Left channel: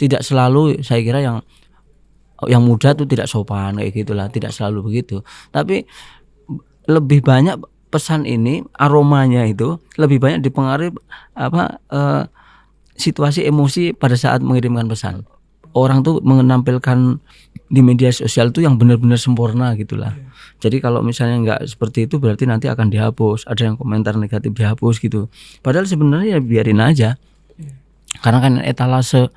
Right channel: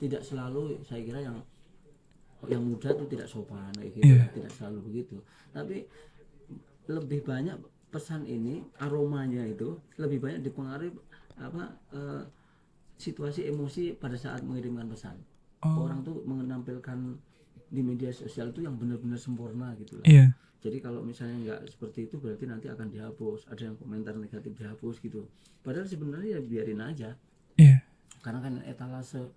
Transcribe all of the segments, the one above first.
tidak selalu saya kira yang muda tuh tidak sopan kayak gitulah, tidak selalu begitu. Tapi lebih banyak pesan ini aromanya itu lebih banyak dipengaruhi situasi emosi pada saat mengirimkan pesan. Orang tuh menampilkan di media sosial itu yang benar-benar sempurna gitulah. Jadi kalau misalnya nggak seperti itu berarti nanti akan dihapus. Ada yang komentar negatif dihapus gitu. Padahal sebenarnya ya biarin aja. Karena kan etalase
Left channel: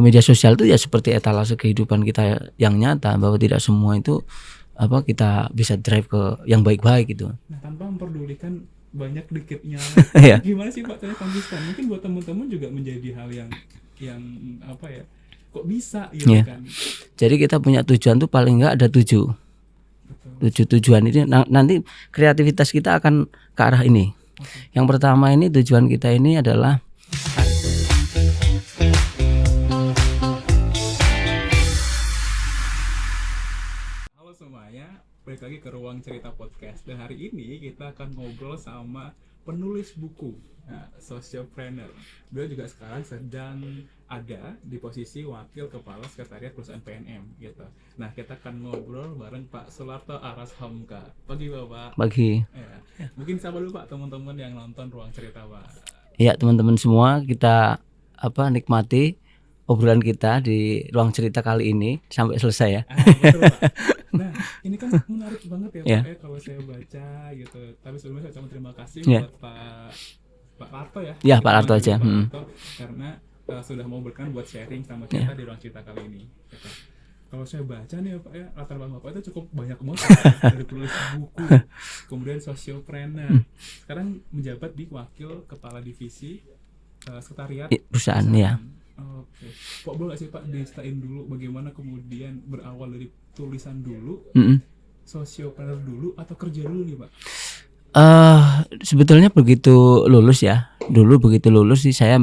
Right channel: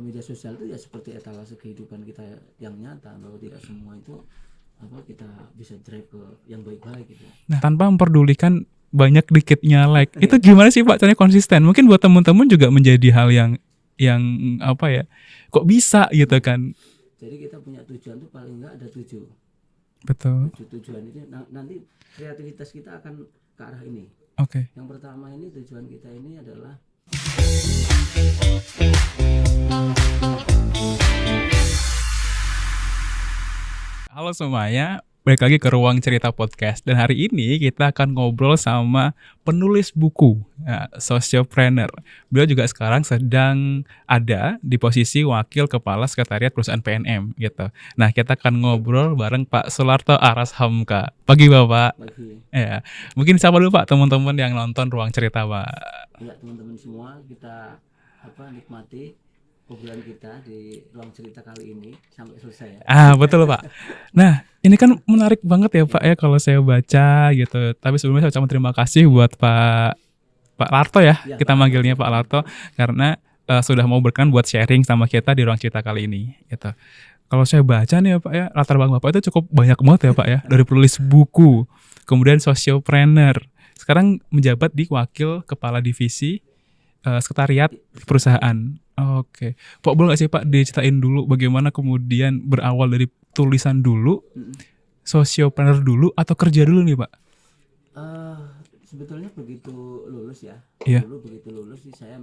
media sosial itu ya seperti etalase kehidupan kita yang nyata, bahwa tidak semua itu kita bisa drive ke yang baik-baik gitu. Nah, tanpa memperdulikan banyak dikitnya like. Itu gimana sih Pak caranya konsisten? Mungkin buat teman-teman juga menjadi hal yang kok bisa gitu kan. Jadi kita punya tujuan tuh paling enggak ada 7. Betul. 7 tujuan ini nanti kreativitas kita akan ke arah ini. Yang pertama ini tujuan kita ini adalah halo semuanya, balik lagi ke Ruang Cerita Podcast. Dan hari ini kita akan ngobrol sama penulis buku, sociopreneur. Beliau juga sekarang sedang ada di posisi Wakil Kepala Sekretariat Perusahaan PNM gitu. Nah, kita akan ngobrol bareng Pak Sularto Aras Hamka. Pagi Bapak. Pagi. Ya, mungkin siapa dulu Pak teman-teman yang nonton Ruang Cerita Pak? Ya, teman-teman semua, kita nikmati obrolan kita di Ruang Cerita kali ini sampai selesai ya. Betul Pak. Nah, ini kan menarik banget ya Pak ya kalau saya baca gitu. Tapi sebelumnya saya ucapkan terima kasih buat Pak Larto ya. Kita manggilnya Pak Larto karena sudah mau berkenan buat sharing sama kita di Ruang Cerita kali ini gitu. Kalau saya baca nih ya Pak ya, latar belakang Bapak itu cukup banyak banget ya Pak ya. Dari penulis buku, kemudian sociopreneur. Sekarang menjabat di Wakil Kepala Divisi Sekretariat Perusahaan. Oke. Pak, boleh nggak sih Pak diceritain dulu bagaimana kemudian berawal dari tulisan dulu, sociopreneur dulu, atau kerja dulu nih Pak? Sebetulnya begitu lulus ya. Dulu begitu lulus sih saya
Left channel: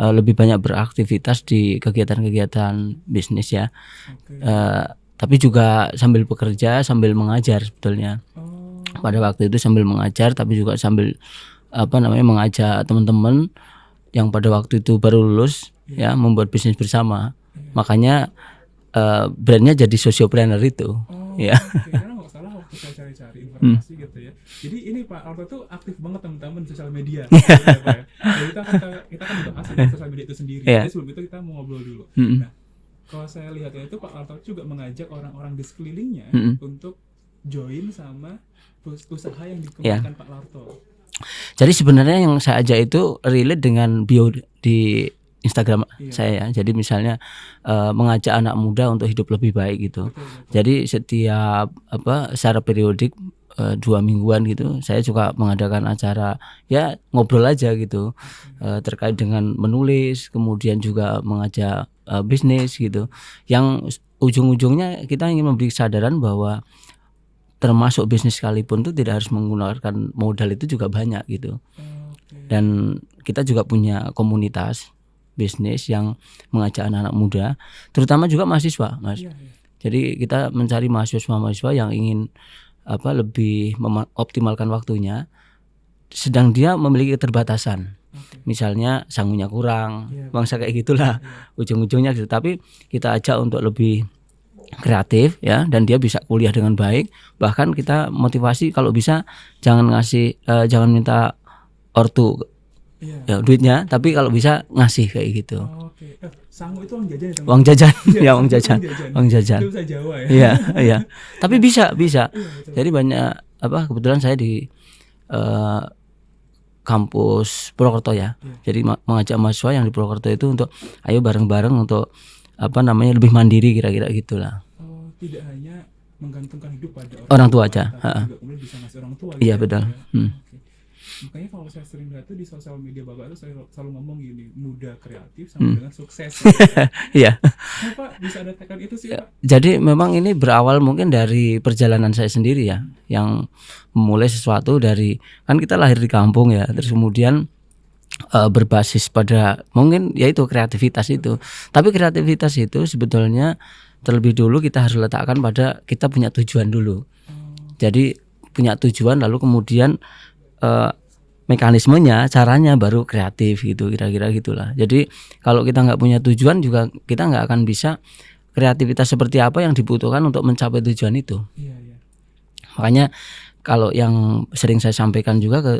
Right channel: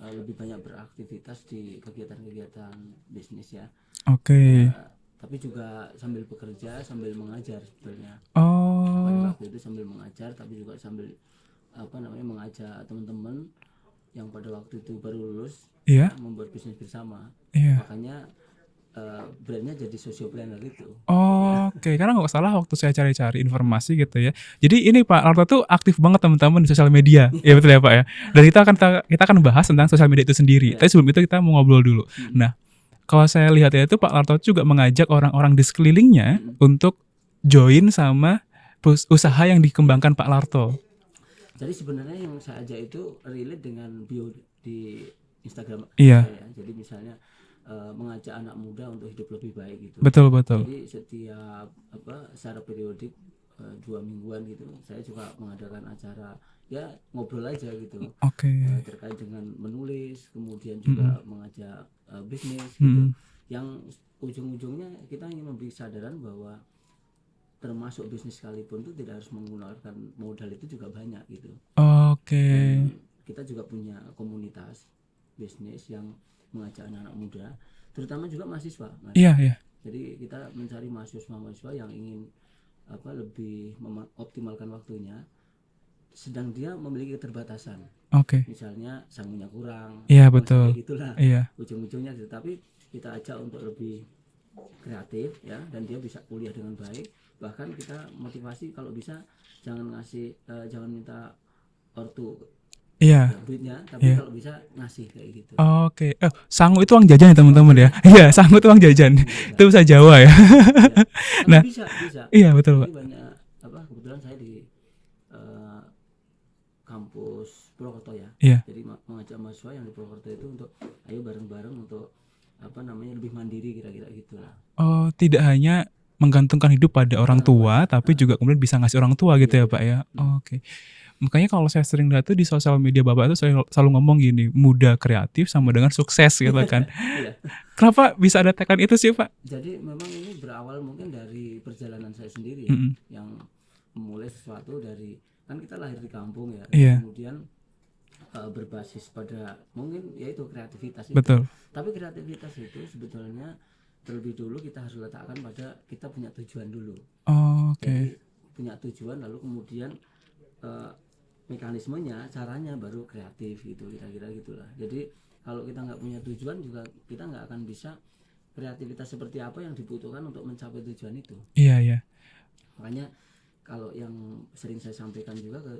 lebih banyak beraktivitas di kegiatan-kegiatan bisnis ya. Tapi juga sambil bekerja, sambil mengajar sebetulnya. Pada waktu itu sambil mengajar, tapi juga sambil mengajak teman-teman yang pada waktu itu baru lulus ya membuat bisnis bersama. Makanya brandnya jadi sociopreneur itu. Karena nggak salah waktu saya cari-cari informasi gitu ya. Jadi ini Pak Larto tuh aktif banget teman-teman di sosial media, gitu ya Pak ya. Dan kita akan bahas tentang sosial media itu sendiri. Tapi sebelum itu kita mau ngobrol dulu. Nah, kalau saya lihat ya itu Pak Larto juga mengajak orang-orang di sekelilingnya untuk join sama usaha yang dikembangkan Pak Larto. Jadi sebenarnya yang saya ajak itu relate dengan bio di Instagram saya. Jadi misalnya mengajak anak muda untuk hidup lebih baik gitu. Betul. Jadi setiap secara periodik 2 mingguan gitu saya juga mengadakan acara ya ngobrol aja gitu. Terkait dengan menulis, kemudian juga mengajak bisnis gitu. Yang ujung-ujungnya kita ingin memberi kesadaran bahwa termasuk bisnis sekalipun itu tidak harus menggunakan modal itu juga banyak gitu. Dan kita juga punya komunitas bisnis yang mengajak anak-anak muda, terutama juga mahasiswa, Mas. Jadi kita mencari mahasiswa yang ingin lebih mengoptimalkan waktunya, sedang dia memiliki keterbatasan. Misalnya sangunya kurang, bangsa kayak gitulah. Ujung-ujungnya gitu. Tapi kita ajak untuk lebih kreatif ya, dan dia bisa kuliah dengan baik. Bahkan kita motivasi kalau bisa jangan minta ortu duitnya, tapi kalau bisa ngasih kayak gitu. Sangu itu uang jajan ya teman-teman. Sangu itu uang jajan. Itu bahasa Jawa ya. Tapi bisa. Iya betul. Jadi banyak kebetulan saya di kampus Purwokerto ya. Jadi mengajak mahasiswa yang di Purwokerto itu untuk ayo bareng-bareng untuk lebih mandiri kira-kira gitulah. Tidak hanya menggantungkan hidup pada orang tua aja, tapi juga kemudian bisa ngasih orang tua gitu ya Pak ya. Makanya kalau saya sering lihat tuh di sosial media Bapak itu saya selalu ngomong gini, muda kreatif sama dengan sukses gitu kan. Kenapa bisa ada tekan itu sih Pak? Jadi memang ini berawal mungkin dari perjalanan saya sendiri ya, yang memulai sesuatu dari, kan kita lahir di kampung ya, terus kemudian berbasis pada mungkin yaitu kreativitas itu. Tapi kreativitas itu sebetulnya terlebih dulu kita harus letakkan pada kita punya tujuan dulu. Jadi punya tujuan lalu kemudian mekanismenya, caranya baru kreatif gitu, kira-kira gitulah. Jadi kalau kita nggak punya tujuan juga kita nggak akan bisa kreativitas seperti apa yang dibutuhkan untuk mencapai tujuan itu. Iya. Makanya kalau yang sering saya sampaikan juga ke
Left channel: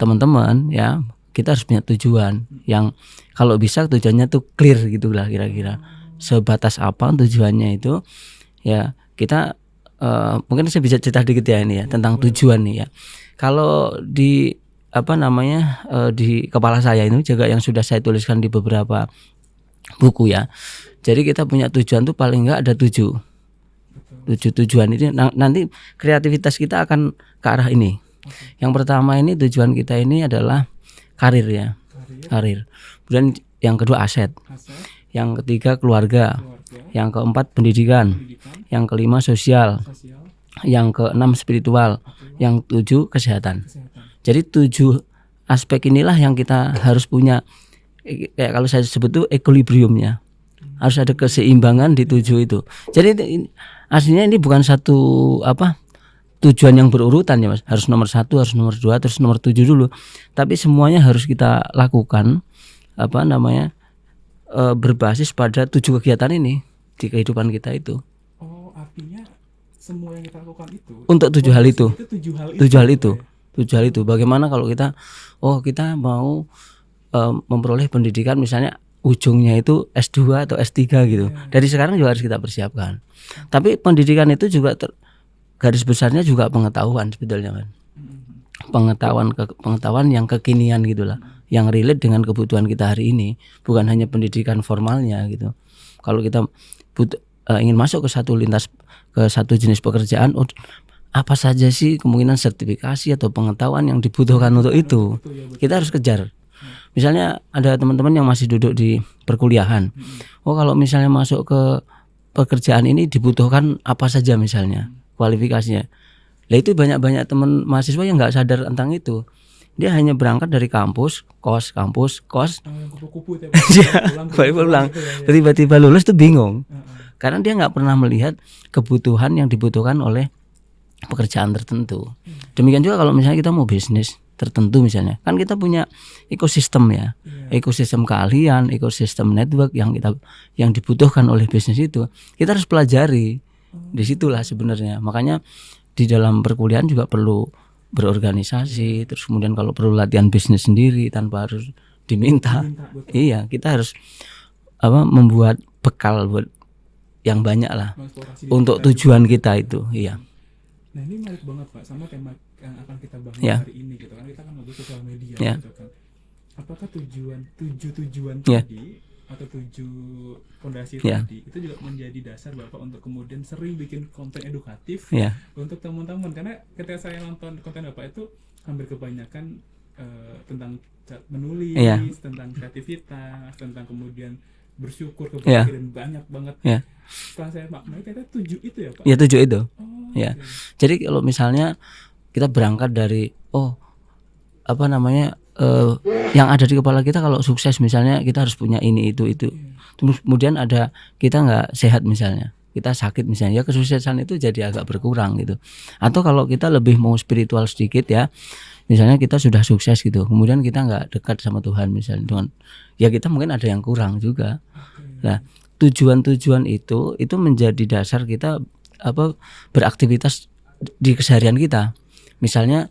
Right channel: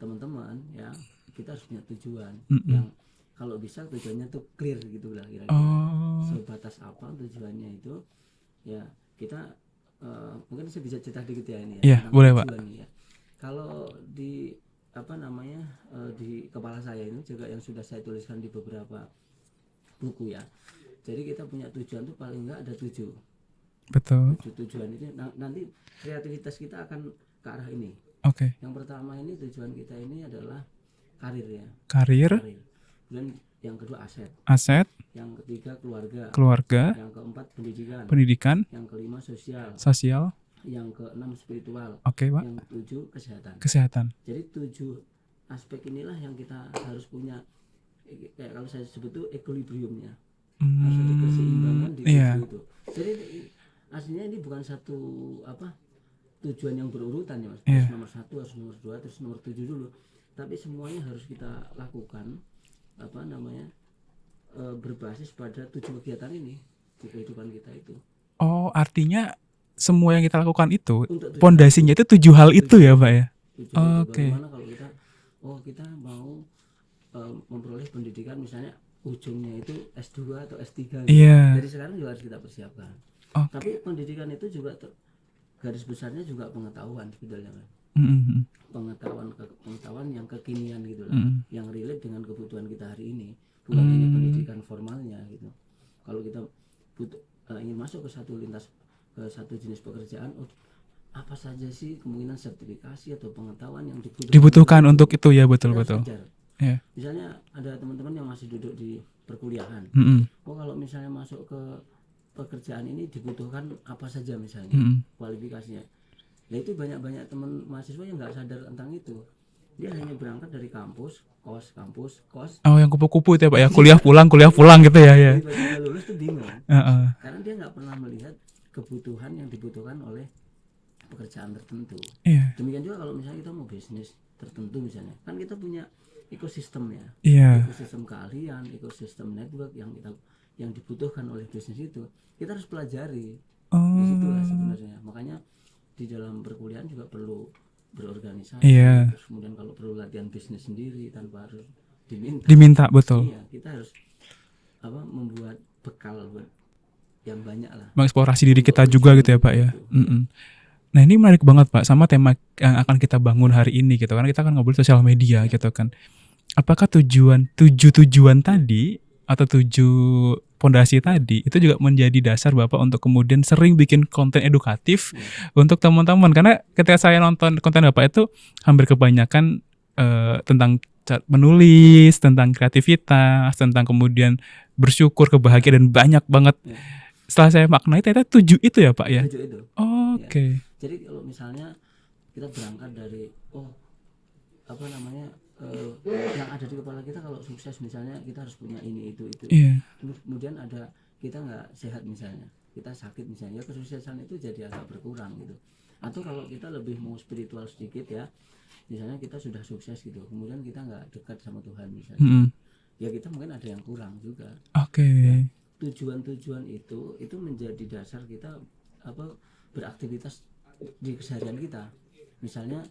teman-teman ya, kita harus punya tujuan yang kalau bisa tujuannya tuh clear gitulah kira-kira. Sebatas apa tujuannya itu ya kita mungkin saya bisa cerita dikit ya ini ya tentang tujuan nih ya. Kalau di di kepala saya ini juga yang sudah saya tuliskan di beberapa buku ya. Jadi kita punya tujuan tuh paling enggak ada 7. Betul. 7 tujuan ini nanti kreativitas kita akan ke arah ini. Okay. Yang pertama ini tujuan kita ini adalah karir ya. Karir. Kemudian yang kedua aset. Yang ketiga keluarga. Yang keempat pendidikan. Yang kelima sosial. Yang keenam spiritual. Yang 7 kesehatan. Jadi 7 aspek inilah yang kita harus punya. Kayak kalau saya sebut tuh equilibriumnya. Harus ada keseimbangan di 7 itu. Jadi aslinya ini bukan satu tujuan yang berurutan ya Mas. Harus nomor 1, harus nomor 2, terus nomor 7 dulu. Tapi semuanya harus kita lakukan berbasis pada 7 kegiatan ini di kehidupan kita itu. Oh, artinya semua yang kita lakukan itu untuk 7 hal itu. Itu 7 hal itu ya, Pak ya. 7 hal itu. Bagaimana kalau kita mau memperoleh pendidikan misalnya ujungnya itu S2 atau S3 gitu. Dari sekarang juga harus kita persiapkan. Tapi pendidikan itu juga garis besarnya juga pengetahuan sebetulnya kan. Pengetahuan yang kekinian gitulah, yang relate dengan kebutuhan kita hari ini, bukan hanya pendidikan formalnya gitu. Kalau kita ingin masuk ke satu jenis pekerjaan, apa saja sih kemungkinan sertifikasi atau pengetahuan yang dibutuhkan untuk itu ya, betul, kita harus kejar. Misalnya ada teman-teman yang masih duduk di perkuliahan, kalau misalnya masuk ke pekerjaan ini dibutuhkan apa saja misalnya kualifikasinya. Lah itu banyak teman mahasiswa yang nggak sadar tentang itu. Dia hanya berangkat dari kampus, kos. Oh, yang kupu-kupu itu ya Pak ya. Kuliah pulang gitu ya. Tiba-tiba lulus tuh bingung. Karena dia nggak pernah melihat kebutuhan yang dibutuhkan oleh pekerjaan tertentu. Demikian juga kalau misalnya kita mau bisnis tertentu misalnya, kan kita punya ekosistem ya. Ekosistem keahlian, ekosistem network yang dibutuhkan oleh bisnis itu. Kita harus pelajari. Disitulah sebenarnya. Makanya di dalam perkuliahan juga perlu berorganisasi, terus kemudian kalau perlu latihan bisnis sendiri tanpa harus diminta, betul. Iya, kita harus membuat bekal buat yang banyak lah, mengeksplorasi diri untuk kita tujuan juga kita itu. Iya. Nah ini menarik banget Pak sama tema yang akan kita bangun hari ini gitu, karena kita akan ngobrol sosial media gitu kan. Apakah tujuan tadi atau 7 fondasi tadi itu juga menjadi dasar Bapak untuk kemudian sering bikin konten edukatif untuk teman-teman, karena ketika saya nonton konten Bapak itu hampir kebanyakan tentang menulis, tentang kreativitas, tentang kemudian bersyukur, kebahagiaan dan banyak banget. Setelah saya maknai ternyata 7 itu ya Pak. 7 itu. Okay. Jadi kalau misalnya kita berangkat dari yang ada di kepala kita, kalau sukses misalnya kita harus punya ini itu. Terus kemudian ada kita nggak sehat misalnya, kita sakit misalnya, ya kesuksesan itu jadi agak berkurang gitu. Atau kalau kita lebih mau spiritual sedikit ya, misalnya kita sudah sukses gitu, kemudian kita nggak dekat sama Tuhan misalnya, Tuhan, ya kita mungkin ada yang kurang juga. Nah, tujuan-tujuan itu menjadi dasar kita beraktivitas di keseharian kita. Misalnya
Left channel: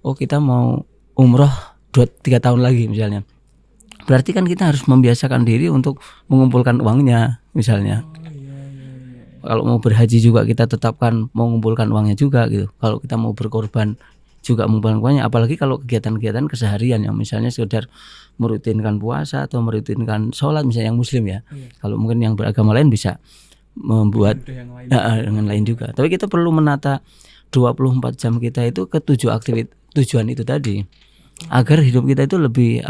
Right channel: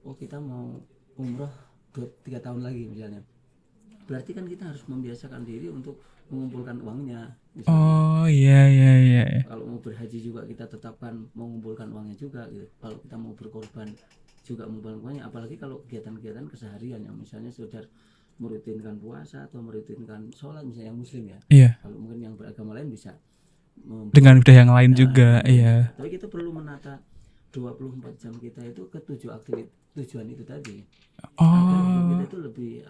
kita mau umroh 2-3 tahun lagi misalnya, berarti kan kita harus membiasakan diri untuk mengumpulkan uangnya misalnya. Kalau mau berhaji juga kita tetapkan mau mengumpulkan uangnya juga gitu. Kalau kita mau berkorban juga mengumpulkan uangnya. Apalagi kalau kegiatan-kegiatan keseharian yang misalnya sekedar merutinkan puasa atau merutinkan sholat misalnya yang muslim ya. Kalau mungkin yang beragama lain bisa membuat dengan yang lain juga. Tapi kita perlu menata 24 jam kita itu ke 7 tujuan itu tadi. Agar hidup kita itu lebih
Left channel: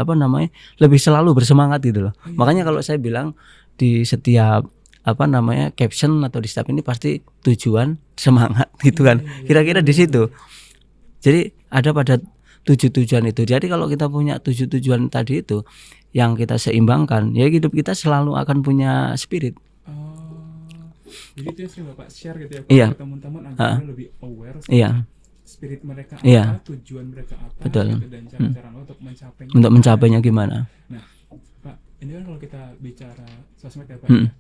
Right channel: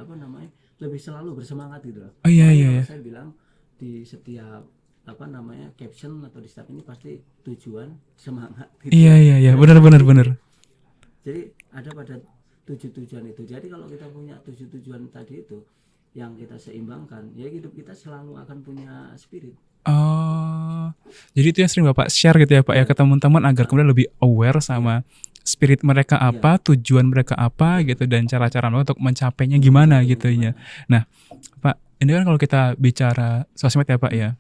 lebih selalu bersemangat gitu loh. Makanya kalau saya bilang di setiap caption atau di setiap ini pasti tujuan semangat gitu kan. Kira-kira di situ. Jadi ada pada 7 tujuan itu. Jadi kalau kita punya 7 tujuan tadi itu yang kita seimbangkan, ya hidup kita selalu akan punya spirit. Jadi itu yang sering Bapak share gitu ya Pak ya ke teman-teman agar kemudian lebih aware spirit mereka apa, tujuan mereka apa gitu, dan cara-cara mereka untuk mencapainya gimana gitu ya. Nah, Pak, ini kan kalau kita bicara sosmed ya Pak ya,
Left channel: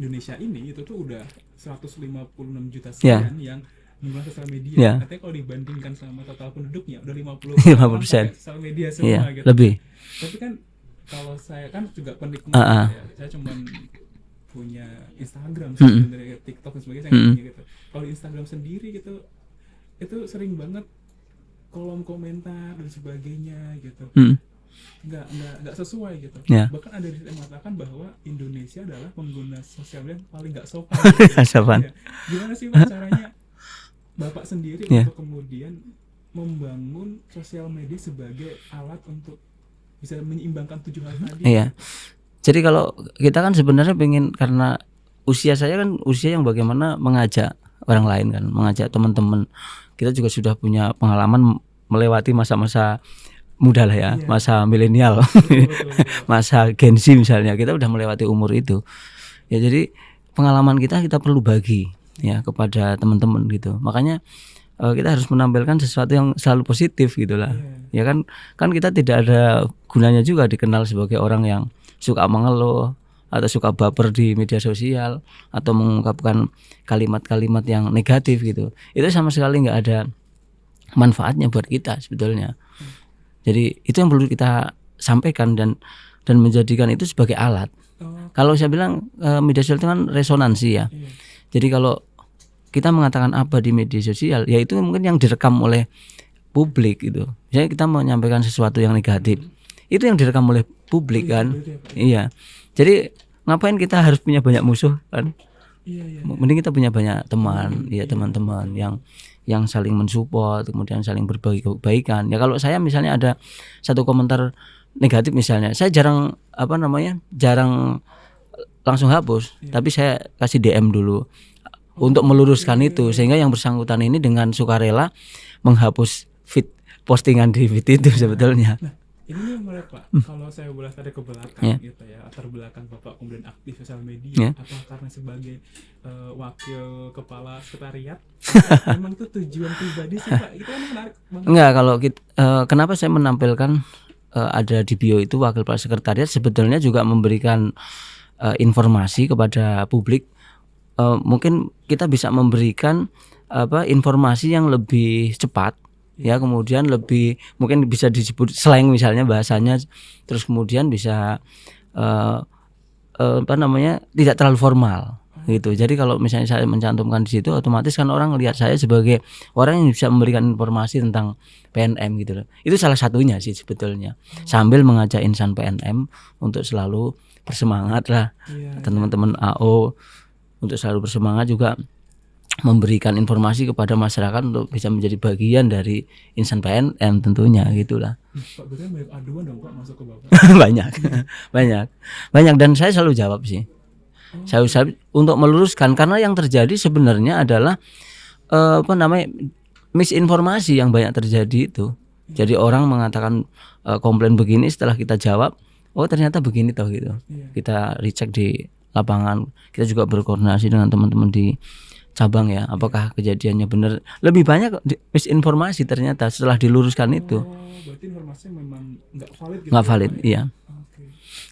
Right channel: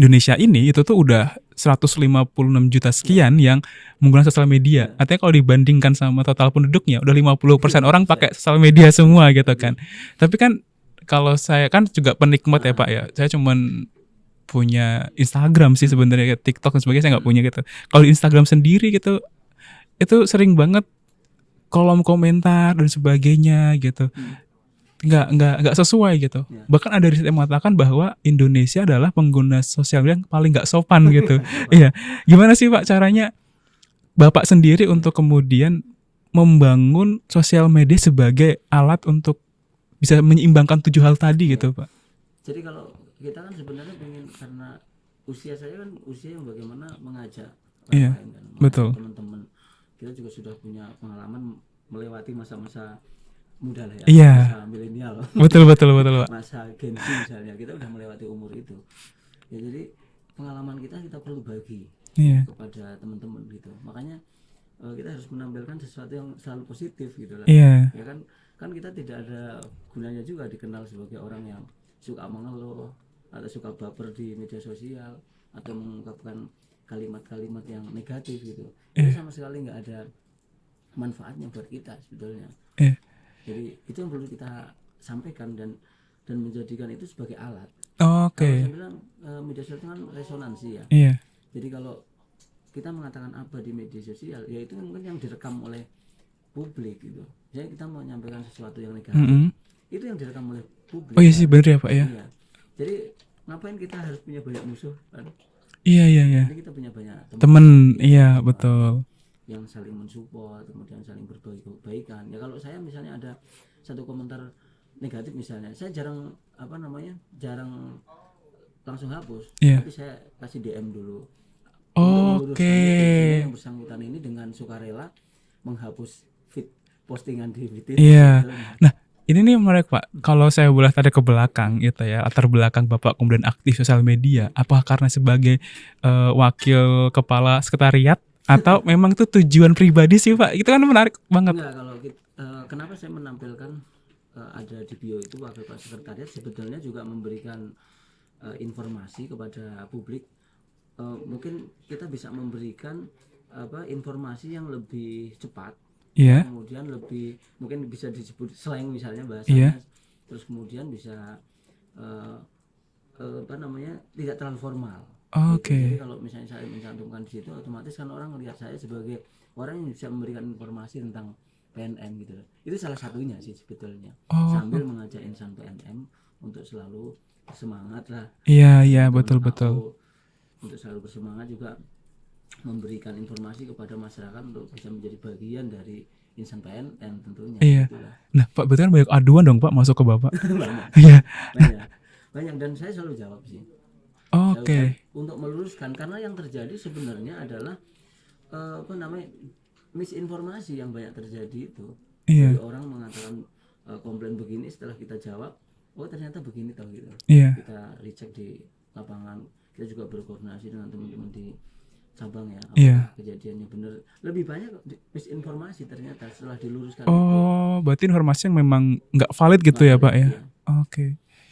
Indonesia ini itu tuh udah 156 juta sekian yang menggunakan sosial media. Artinya kalau dibandingkan sama total penduduknya udah 50% orang pakai sosial media semua gitu kan. Tapi kan kalau saya kan juga penikmat ya Pak ya. Saya cuman punya Instagram sih sebenarnya, TikTok dan sebagainya saya nggak punya gitu. Kalau di Instagram sendiri gitu, itu sering banget kolom komentar dan sebagainya gitu. Nggak sesuai gitu. Bahkan ada riset yang mengatakan bahwa Indonesia adalah pengguna sosial media yang paling nggak sopan gitu. Iya. Gimana sih Pak caranya Bapak sendiri untuk kemudian membangun sosial media sebagai alat untuk bisa menyeimbangkan 7 hal tadi gitu Pak? Jadi kalau kita kan sebenarnya pengen, karena usia saya kan usia yang bagaimana mengajak orang lain kan, mengajak teman-teman. Kita juga sudah punya pengalaman melewati masa-masa muda lah ya, masa milenial, betul. masa Gen Z misalnya, kita udah melewati umur itu. Ya jadi pengalaman kita perlu bagi ya kepada teman-teman gitu. Makanya kita harus menampilkan sesuatu yang selalu positif gitulah. Ya kan kita tidak ada gunanya juga dikenal sebagai orang yang suka mengeluh atau suka baper di media sosial atau mengungkapkan kalimat-kalimat yang negatif gitu. Itu sama sekali nggak ada manfaatnya buat kita sebetulnya. Jadi itu yang perlu kita sampaikan dan menjadikan itu sebagai alat. Kalau saya bilang media sosial itu kan resonansi ya. Jadi kalau kita mengatakan apa di media sosial, ya itu mungkin yang direkam oleh publik gitu. Misalnya kita menyampaikan sesuatu yang negatif, itu yang direkam oleh publik kan. Benar ya Pak ya. Iya. Jadi ngapain kita harus punya banyak musuh kan? Iya. Mending kita punya banyak teman, teman-teman betul. yang saling mensupport, kemudian saling berbagi kebaikan. Ya kalau saya misalnya ada satu komentar negatif misalnya, saya jarang langsung hapus, tapi saya kasih DM dulu untuk meluruskan itu, sehingga yang bersangkutan ini dengan sukarela menghapus feed postingan di feed itu sebetulnya. Nah, ini nih menarik Pak. Kalau saya boleh tarik ke belakang gitu ya, latar belakang Bapak kemudian aktif sosial media, apakah karena sebagai wakil kepala sekretariat atau memang itu tujuan pribadi sih Pak? Itu kan menarik banget. Enggak, kalau kenapa saya menampilkan ada di bio itu wakil kepala sekretariat, sebetulnya juga memberikan informasi kepada publik. Mungkin kita bisa memberikan informasi yang lebih cepat. Ya, kemudian lebih mungkin bisa disebut slang misalnya bahasanya, terus kemudian bisa tidak terlalu formal gitu. Jadi kalau misalnya saya mencantumkan di situ, otomatis kan orang lihat saya sebagai orang yang bisa memberikan informasi tentang PNM gitu loh. Itu salah satunya sih sebetulnya. Sambil mengajak insan PNM untuk selalu bersemangat lah. Teman-teman AO untuk selalu bersemangat, juga memberikan informasi kepada masyarakat untuk bisa menjadi bagian dari insan PNM tentunya gitulah. Nah Pak, berarti kan banyak aduan dong Pak masuk ke Bapak? banyak dan saya selalu jawab sih. Saya untuk meluruskan, karena yang terjadi sebenarnya adalah misinformasi yang banyak terjadi itu. Jadi orang mengatakan komplain begini, setelah kita jawab, oh ternyata begini toh gitu. Kita recheck di lapangan, kita juga berkoordinasi dengan teman-teman di cabang ya, apakah kejadiannya benar. Lebih banyak misinformasi ternyata setelah diluruskan itu. Berarti informasi yang memang nggak valid gitu ya Pak ya? Iya.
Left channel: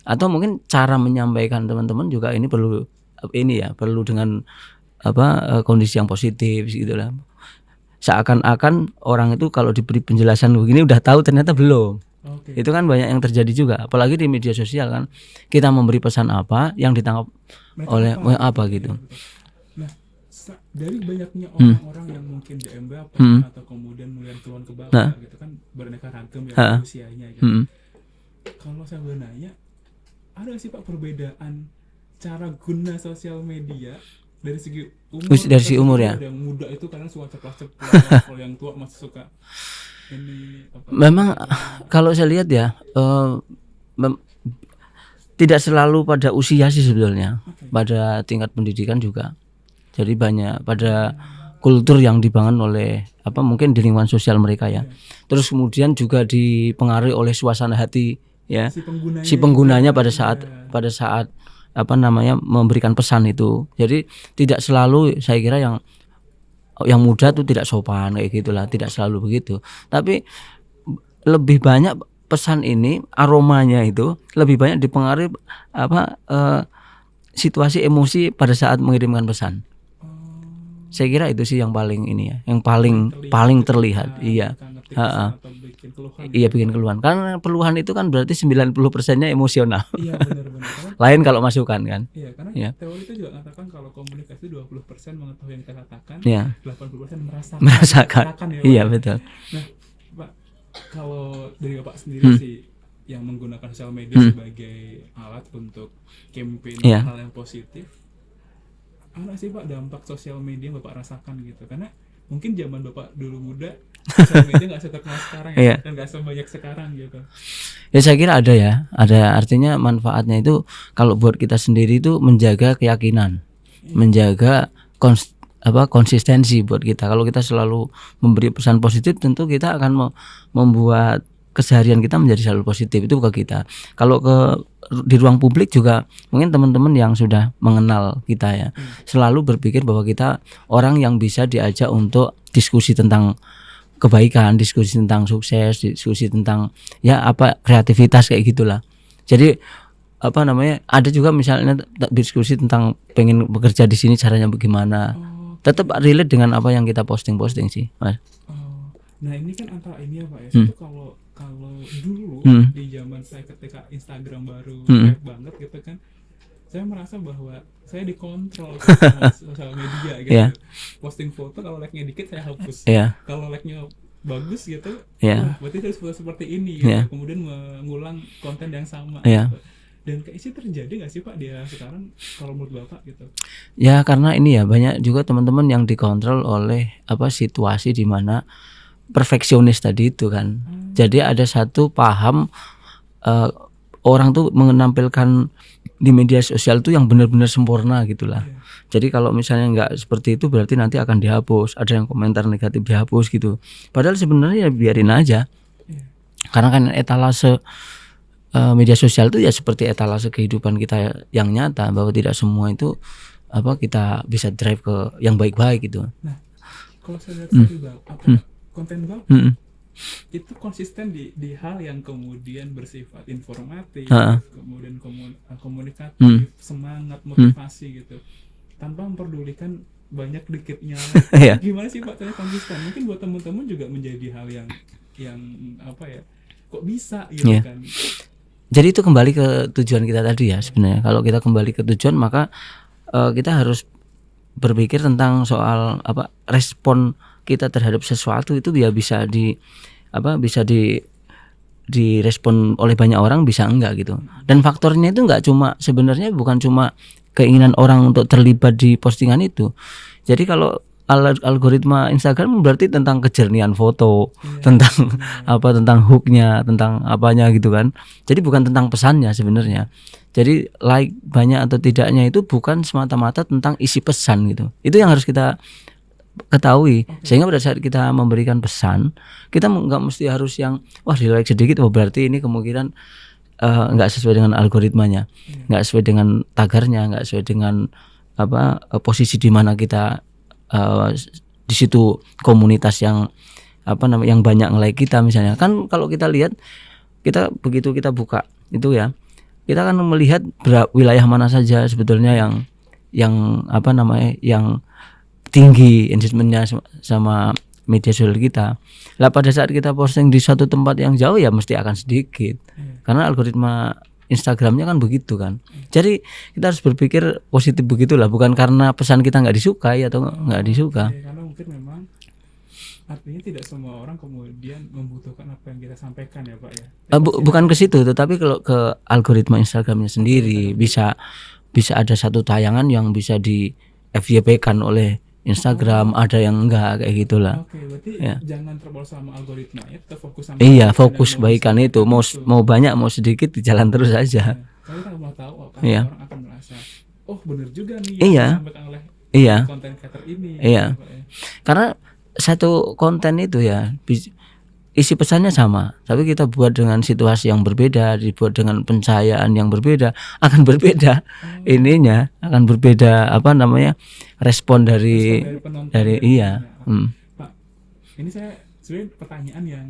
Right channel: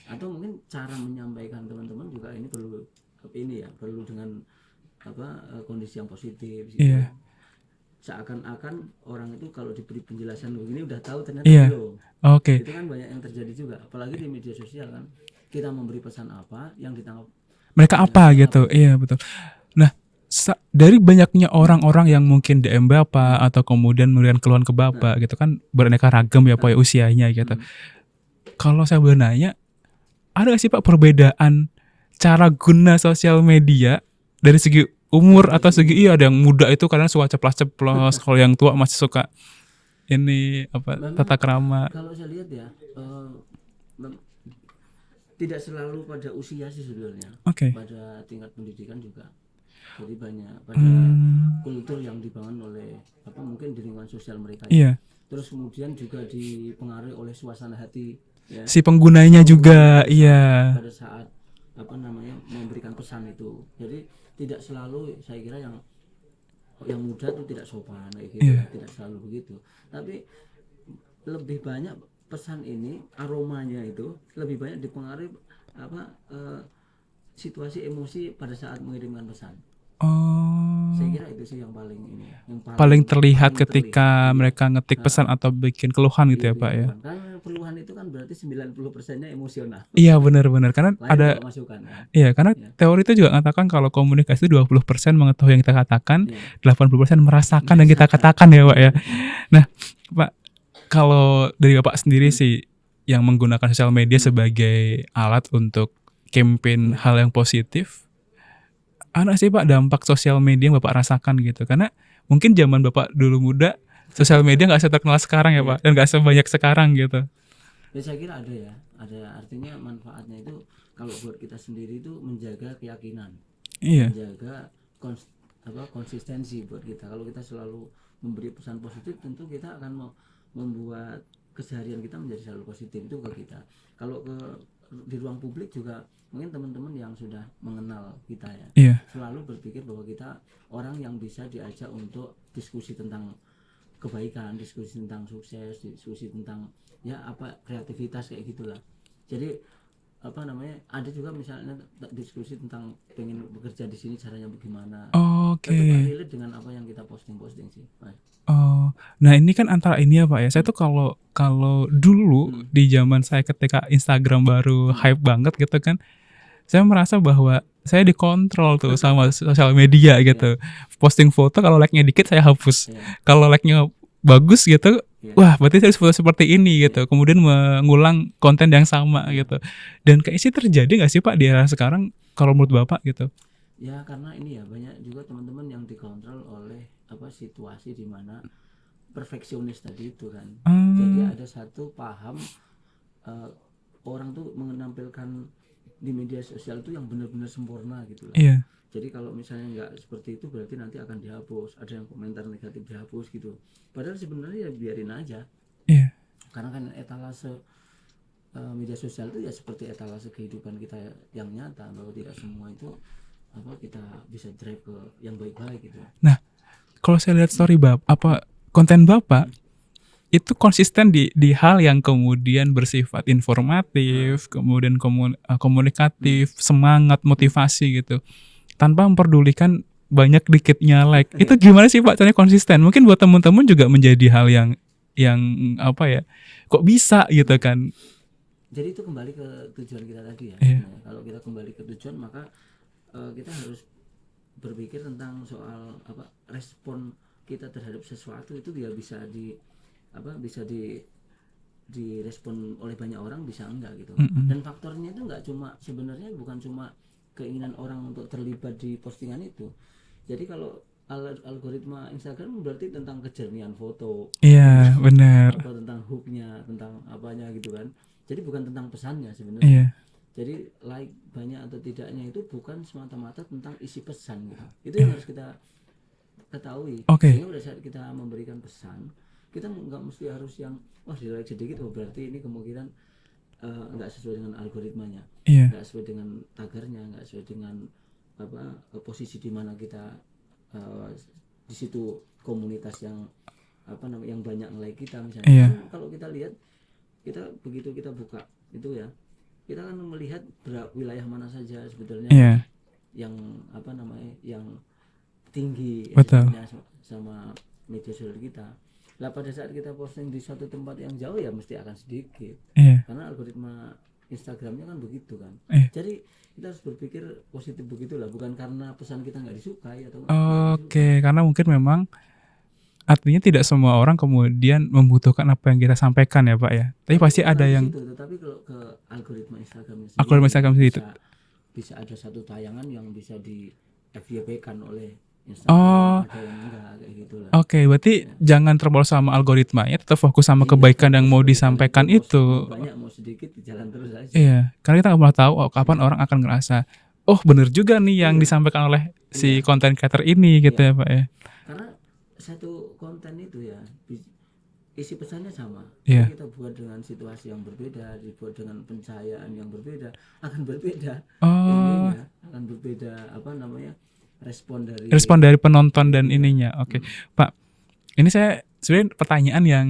Atau mungkin cara menyampaikan teman-teman juga ini perlu dengan kondisi yang positif gitu lah. Seakan-akan orang itu kalau diberi penjelasan begini udah tahu, ternyata belum. Itu kan banyak yang terjadi juga, apalagi di media sosial kan. Kita memberi pesan apa, yang ditangkap mereka apa gitu. Iya betul. Nah, dari banyaknya orang-orang yang mungkin DM Bapak atau kemudian memberikan keluhan ke Bapak gitu kan, beraneka ragam ya Pak usianya gitu. Kalau saya boleh nanya, ada gak sih Pak perbedaan cara guna sosial media dari segi umur atau segi ada yang muda itu kadang suka ceplas-ceplos, kalau yang tua masih suka ini memang tata krama. Kalau saya lihat ya tidak selalu pada usia sih sebetulnya, pada tingkat pendidikan juga. Jadi banyak pada kultur yang dibangun oleh mungkin di lingkungan sosial mereka ya. Terus kemudian juga dipengaruhi oleh suasana hati ya. Si penggunanya juga pada saat memberikan pesan itu. Jadi tidak selalu, saya kira yang yang muda tuh tidak sopan kayak gitulah, tidak selalu begitu. Tapi lebih banyak pesan ini aromanya itu lebih banyak dipengaruhi situasi emosi pada saat mengirimkan pesan. Saya kira itu sih yang paling ini ya, yang paling terlihat ketika terlihat. Mereka ngetik pesan atau bikin keluhan gitu ya bikin Pak. Keluhan. Karena keluhan itu kan berarti 90%-nya emosional. Iya benar-benar karena lain kalau masukan kan. Iya karena teori itu juga mengatakan kalau komunikasi 20% mengetahui yang kita katakan, 80% merasakan yang kita katakan ya Pak. Iya, betul. Nah Pak, kalau dari Bapak sendiri sih yang menggunakan sosial media sebagai alat untuk campaign hal yang positif, ada sih Pak dampak sosial media yang Bapak rasakan gitu? Karena mungkin zaman Bapak dulu muda sosial media nggak seterkenal sekarang ya Pak, dan nggak sebanyak sekarang gitu. Ya saya kira ada ya, ada artinya manfaatnya itu kalau buat kita sendiri itu menjaga keyakinan, menjaga konsistensi buat kita. Kalau kita selalu memberi pesan positif, tentu kita akan membuat keseharian kita menjadi selalu positif, itu ke kita. Kalau di ruang publik juga mungkin teman-teman yang sudah mengenal kita ya, selalu berpikir bahwa kita orang yang bisa diajak untuk diskusi tentang kebaikan, diskusi tentang sukses, diskusi tentang kreativitas kayak gitulah. Jadi ada juga misalnya diskusi tentang pengen bekerja di sini caranya bagaimana. Tetap relate dengan apa yang kita posting sih, Mas. Nah ini kan antara ini ya Pak ya. Saya tuh kalau dulu di zaman saya ketika Instagram baru hype banget gitu kan, saya merasa bahwa saya dikontrol tuh sama sosial media gitu. Posting foto kalau like-nya dikit saya hapus. Kalau like-nya bagus gitu, wah berarti saya harus foto seperti ini gitu. Kemudian mengulang konten yang sama gitu. Dan kayak sih terjadi nggak sih Pak di era sekarang kalau menurut Bapak gitu? Ya karena ini ya banyak juga teman-teman yang dikontrol oleh situasi di mana perfeksionis tadi itu kan. Jadi ada satu paham orang tuh menampilkan di media sosial tuh yang benar-benar sempurna gitulah. Jadi kalau misalnya nggak seperti itu berarti nanti akan dihapus. Ada yang komentar negatif dihapus gitu. Padahal sebenarnya ya biarin aja. Karena kan etalase media sosial itu ya seperti etalase kehidupan kita yang nyata, bahwa tidak semua itu kita bisa drive ke yang baik-baik gitu. Nah, kalau saya lihat story konten Bapak itu konsisten di hal yang kemudian bersifat informatif, kemudian komunikatif, semangat, motivasi gitu, tanpa memperdulikan banyak dikitnya like. Itu gimana sih Pak caranya konsisten? Mungkin buat teman-teman juga menjadi hal yang kok bisa gitu kan. Jadi itu kembali ke tujuan kita tadi ya sebenarnya. Kalau kita kembali ke tujuan maka kita harus berpikir tentang soal respon kita terhadap sesuatu itu ya bisa direspon oleh banyak orang, bisa enggak gitu. Dan faktornya itu enggak cuma, sebenarnya bukan cuma keinginan orang untuk terlibat di postingan itu. Jadi kalau algoritma Instagram berarti tentang kejernihan foto, tentang tentang hooknya, tentang apanya gitu kan. Jadi bukan tentang pesannya sebenarnya. Jadi like banyak atau tidaknya itu bukan semata-mata tentang isi pesan gitu. Itu yang harus kita ketahui. Sehingga pada saat kita memberikan pesan, kita nggak mesti harus yang di like sedikit, berarti ini kemungkinan nggak sesuai dengan algoritmanya, nggak sesuai dengan tagarnya, nggak sesuai dengan posisi di mana kita di situ komunitas yang yang banyak nge-like kita misalnya. Kan kalau kita lihat, kita begitu kita buka itu ya, kita akan melihat wilayah mana saja sebetulnya yang tinggi engagementnya sama media sosial kita. Lah pada saat kita posting di satu tempat yang jauh ya mesti akan sedikit. Karena algoritma Instagramnya kan begitu kan. Jadi kita harus berpikir positif begitulah, bukan karena pesan kita nggak disukai atau nggak disuka. Karena mungkin memang artinya tidak semua orang kemudian membutuhkan apa yang kita sampaikan ya Pak ya. Bukan ke situ, tetapi kalau ke algoritma Instagramnya sendiri bisa ada satu tayangan yang bisa di FYP-kan oleh Instagram, ada yang enggak kayak gitulah. Berarti jangan terbawa sama algoritmanya, tetap fokus sama kebaikan yang mau disampaikan itu. Mau banyak mau sedikit jalan terus aja. Karena kita nggak pernah tahu kapan orang akan ngerasa, bener juga nih yang disampaikan oleh si content creator ini gitu ya Pak ya. Karena satu konten itu ya isi pesannya sama, tapi kita buat dengan situasi yang berbeda, dibuat dengan pencahayaan yang berbeda, akan berbeda ininya akan berbeda respon dari penonton dan ininya. Oke. Pak, ini saya sebenarnya pertanyaan yang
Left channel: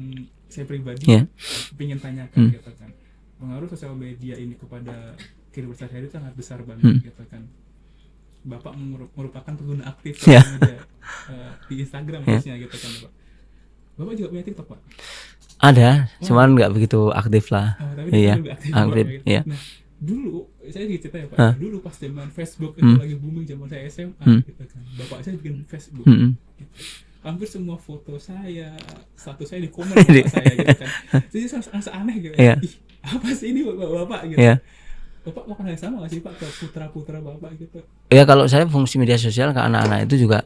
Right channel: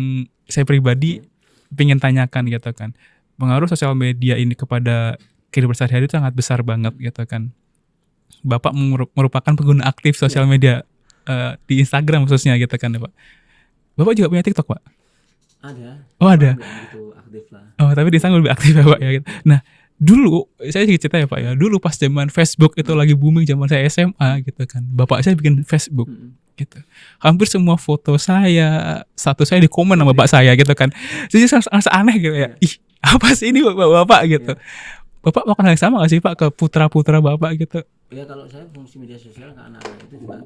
saya pribadi pengen tanyakan gitu kan. Pengaruh sosial media ini kepada kehidupan sehari-hari itu sangat besar banget gitu kan. Bapak merupakan pengguna aktif sosial media di Instagram khususnya gitu kan ya Pak. Bapak juga punya TikTok Pak? Ada, cuman nggak begitu aktif lah. Oh, tapi di Instagram lebih aktif Pak ya. Gitu. Nah, dulu saya cerita ya Pak, dulu pas zaman Facebook itu lagi booming zaman saya SMA gitu kan. Bapak saya bikin Facebook gitu. Hampir semua foto saya, status saya di komen sama bapak saya gitu kan. Jadi sangat aneh gitu ya. Ih, apa sih ini bapak gitu. Bapak melakukan hal yang sama gak sih Pak ke putra-putra bapak gitu? Ya kalau saya fungsi media sosial ke anak-anak itu juga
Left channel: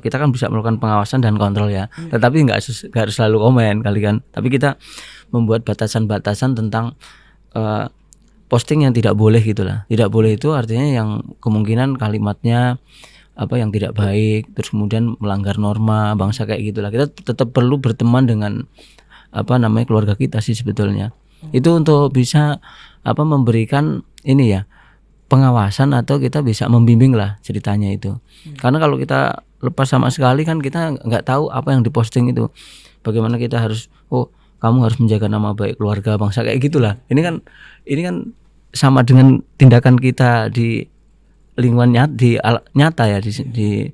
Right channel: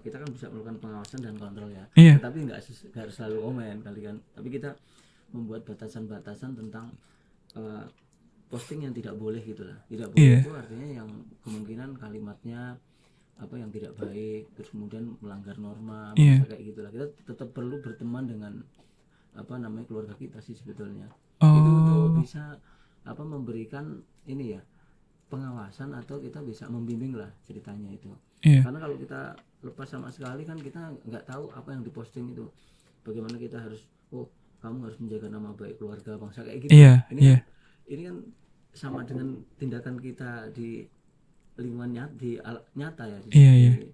kita kan bisa melakukan pengawasan dan kontrol ya. Tetapi nggak harus selalu komen kali kan. Tapi kita membuat batasan-batasan tentang posting yang tidak boleh gitulah. Tidak boleh itu artinya yang kemungkinan kalimatnya yang tidak baik, terus kemudian melanggar norma bangsa kayak gitulah. Kita tetap perlu berteman dengan keluarga kita sih sebetulnya. Itu untuk bisa memberikan ini ya pengawasan atau kita bisa membimbing lah ceritanya itu. Karena kalau kita lepas sama sekali kan kita nggak tahu apa yang diposting itu. Bagaimana kita harus kamu harus menjaga nama baik keluarga bangsa kayak gitulah. Ini kan sama dengan tindakan kita di lingkungan nyata ya di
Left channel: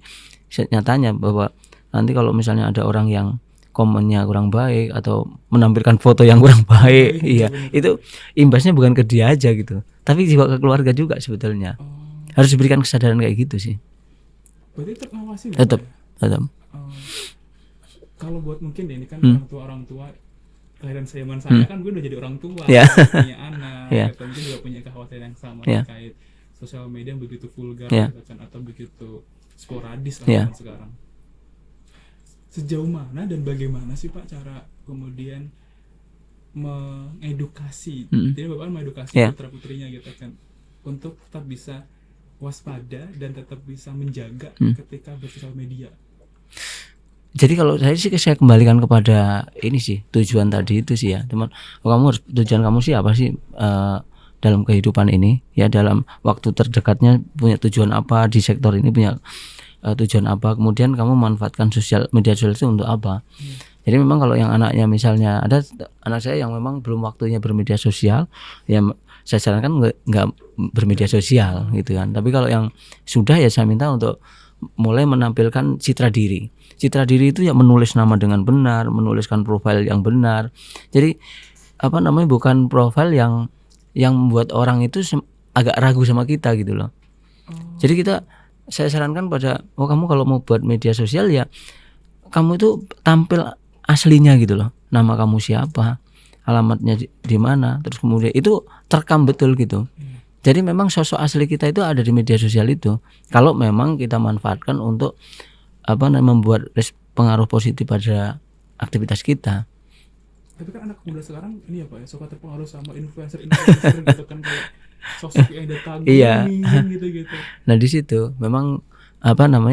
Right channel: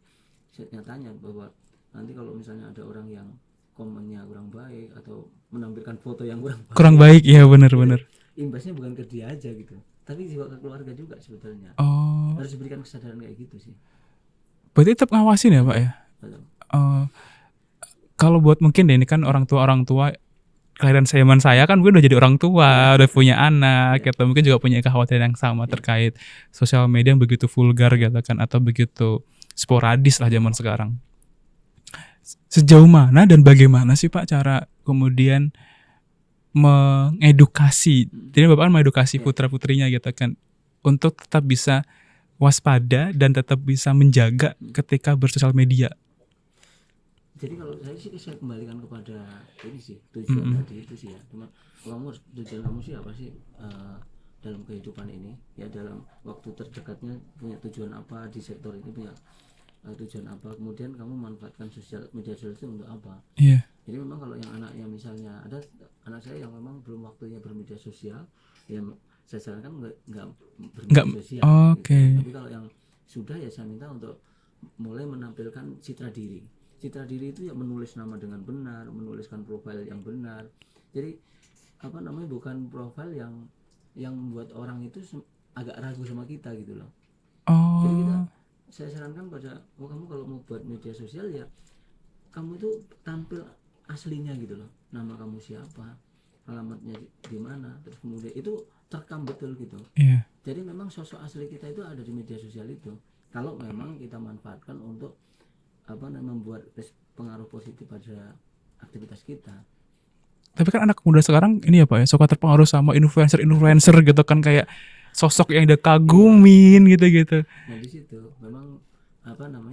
nyatanya, bahwa nanti kalau misalnya ada orang yang komennya kurang baik atau menampilkan foto yang kurang baik bener, itu imbasnya bukan ke dia aja gitu, tapi juga ke keluarga juga sebetulnya. Harus diberikan kesadaran kayak gitu sih. Berarti tetap ngawasin ya Pak ya? Tetap. Kalau buat mungkin deh ini kan orang tua kelahiran zaman saya kan mungkin udah jadi orang tua, udah punya anak gitu, mungkin juga punya kekhawatiran yang sama terkait sosial media yang begitu vulgar gitu kan, atau begitu sporadis lah zaman sekarang. Sejauh mana dan bagaimana sih Pak cara kemudian mengedukasi, jadi Bapak kan mengedukasi putra-putrinya gitu kan, untuk tetap bisa waspada dan tetap bisa menjaga ketika bersosial media? Jadi kalau saya kembalikan kepada ini sih tujuan tadi itu sih ya, teman. Tujuan kamu sih apa sih dalam kehidupan ini ya, dalam waktu terdekatnya punya tujuan apa, di sektor ini punya tujuan apa, kemudian kamu manfaatkan media sosial itu untuk apa. Jadi memang kalau yang anaknya misalnya ada anak saya yang memang belum waktunya bermedia sosial, ya saya sarankan nggak bermedia sosial gitu kan. Tapi kalau yang sudah ya saya minta untuk mulai menampilkan citra diri. Citra diri itu ya menulis nama dengan benar, menuliskan profil yang benar. Jadi bukan profil yang membuat orang itu agak ragu sama kita gitu loh. Jadi saya sarankan pada kamu kalau mau buat media sosial ya kamu itu tampil aslinya gitu loh. Nama kamu siapa, alamatnya di mana, terus kemudian itu terekam betul gitu. Jadi memang sosok asli kita itu ada di media sosial itu. Kalau memang kita manfaatkan untuk membuat pengaruh positif pada aktivitas kita. Tapi kan anak muda sekarang ini ya Pak ya, suka terpengaruh sama influencer gitu kan, kayak sosok yang dia kagumin gitu-gitu. Nah di situ memang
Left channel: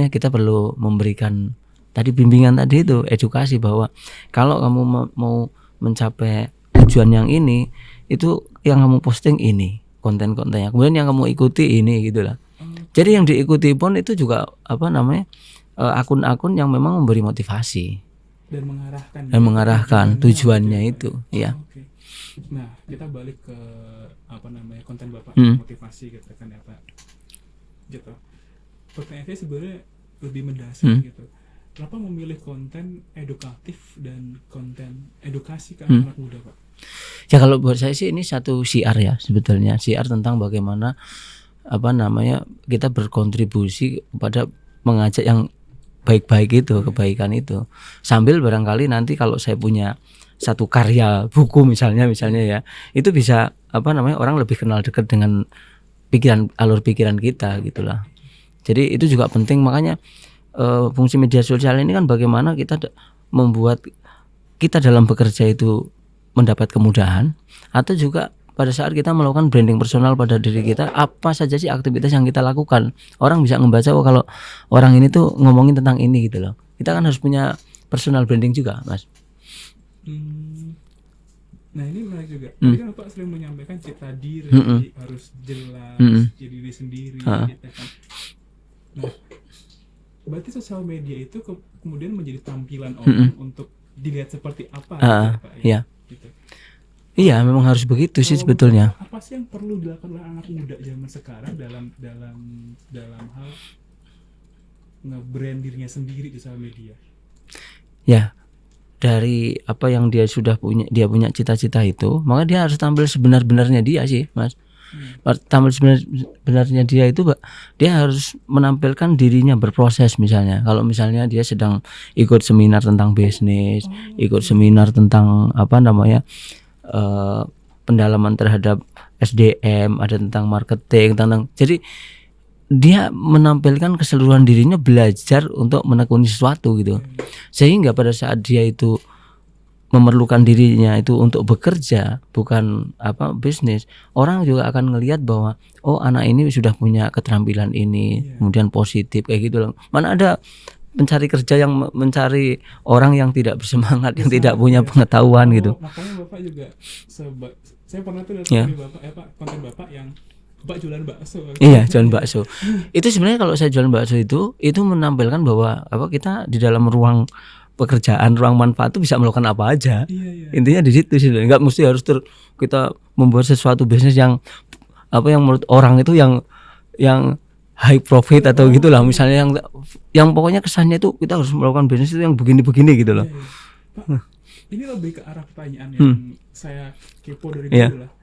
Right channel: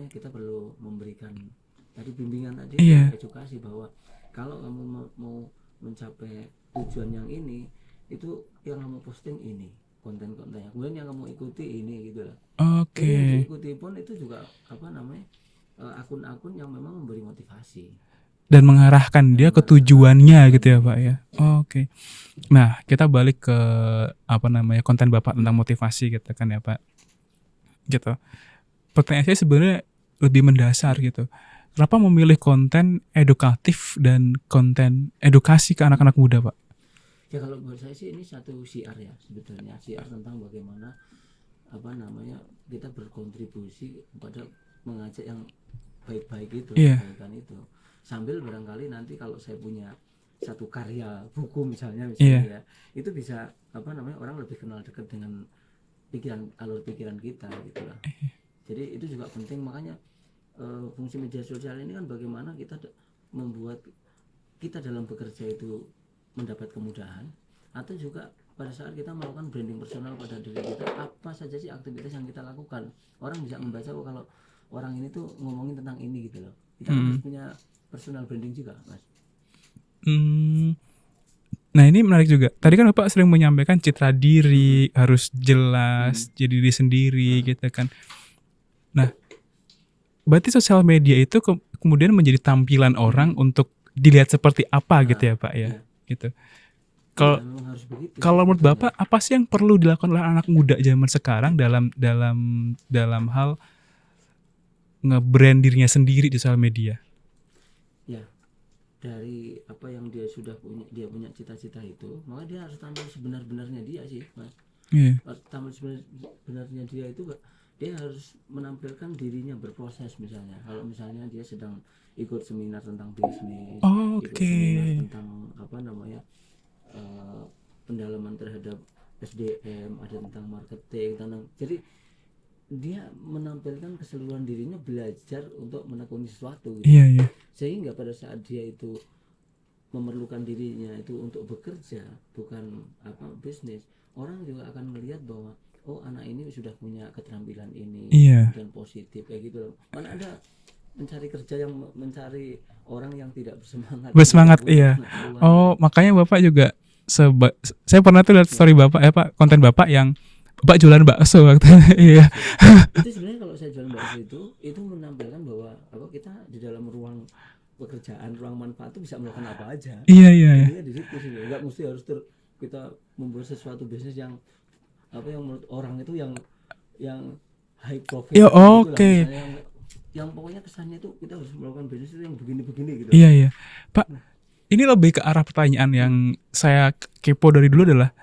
kita perlu memberikan tadi bimbingan tadi itu, edukasi bahwa kalau kamu mau mencapai tujuan yang ini, itu yang kamu posting ini konten-kontennya, kemudian yang kamu ikuti ini gitulah. Jadi yang diikuti pun itu juga akun-akun yang memang memberi motivasi dan mengarahkan dia ke tujuannya gitu ya Pak ya. Oke. Nah kita balik ke konten Bapak tentang motivasi gitu kan ya Pak. Gitu. Pertanyaan saya sebenarnya lebih mendasar gitu. Kenapa memilih konten edukatif dan konten edukasi ke anak-anak muda Pak? Ya kalau buat saya sih ini satu syiar ya sebetulnya, syiar tentang bagaimana kita berkontribusi kepada mengajak yang baik-baik itu, kebaikan itu. Sambil barangkali nanti kalau saya punya satu karya buku misalnya ya, itu bisa orang lebih kenal dekat dengan alur pikiran kita gitulah. Jadi itu juga penting, makanya fungsi media sosial ini kan bagaimana kita membuat kita dalam bekerja itu mendapat kemudahan, atau juga pada saat kita melakukan branding personal pada diri kita, apa saja sih aktivitas yang kita lakukan. Orang bisa membaca kalau orang ini tuh ngomongin tentang ini gitu loh. Kita kan harus punya personal branding juga, Mas. Nah ini menarik juga. Tadi kan Bapak sering menyampaikan citra diri harus jelas, jadi diri sendiri gitu kan. Nah, berarti sosial media itu kemudian menjadi tampilan orang untuk dilihat seperti apa gitu ya Pak ya? Iya. Gitu. Iya, memang harus begitu sih sebetulnya. Bapak, apa sih yang perlu dilakukan oleh anak muda zaman sekarang dalam hal nge-brand dirinya sendiri di sosial media? Ya, dari apa yang dia punya cita-cita itu, maka dia harus tampil sebenar-benarnya dia sih, Mas. Tampil sebenarnya dia itu, dia harus menampilkan dirinya berproses misalnya. Kalau misalnya dia sedang ikut seminar tentang bisnis, ikut seminar tentang pendalaman terhadap SDM, ada tentang marketing, jadi dia menampilkan keseluruhan dirinya, belajar untuk menekuni sesuatu gitu. Sehingga pada saat dia itu memerlukan dirinya itu untuk bekerja, bukan bisnis, orang juga akan ngelihat bahwa anak ini sudah punya keterampilan ini, kemudian positif kayak gitu loh. Mana ada pencari kerja yang mencari orang yang tidak bersemangat yang tidak punya pengetahuan gitu. Makanya Bapak juga saya pernah tuh lihat story Bapak konten Bapak yang Bapak jualan bakso waktu. Jualan bakso. Itu sebenarnya kalau saya jualan bakso itu menampilkan bahwa kita di dalam ruang pekerjaan, ruang manfaat itu bisa melakukan apa aja. Intinya di situ sih. Enggak mesti harus kita membuat sesuatu bisnis yang yang menurut orang itu yang high profit atau gitulah, misalnya yang pokoknya kesannya itu kita harus melakukan bisnis itu yang begini-begini gitu loh. Pak, ini lebih ke arah pertanyaan yang saya kepo dari dulu adalah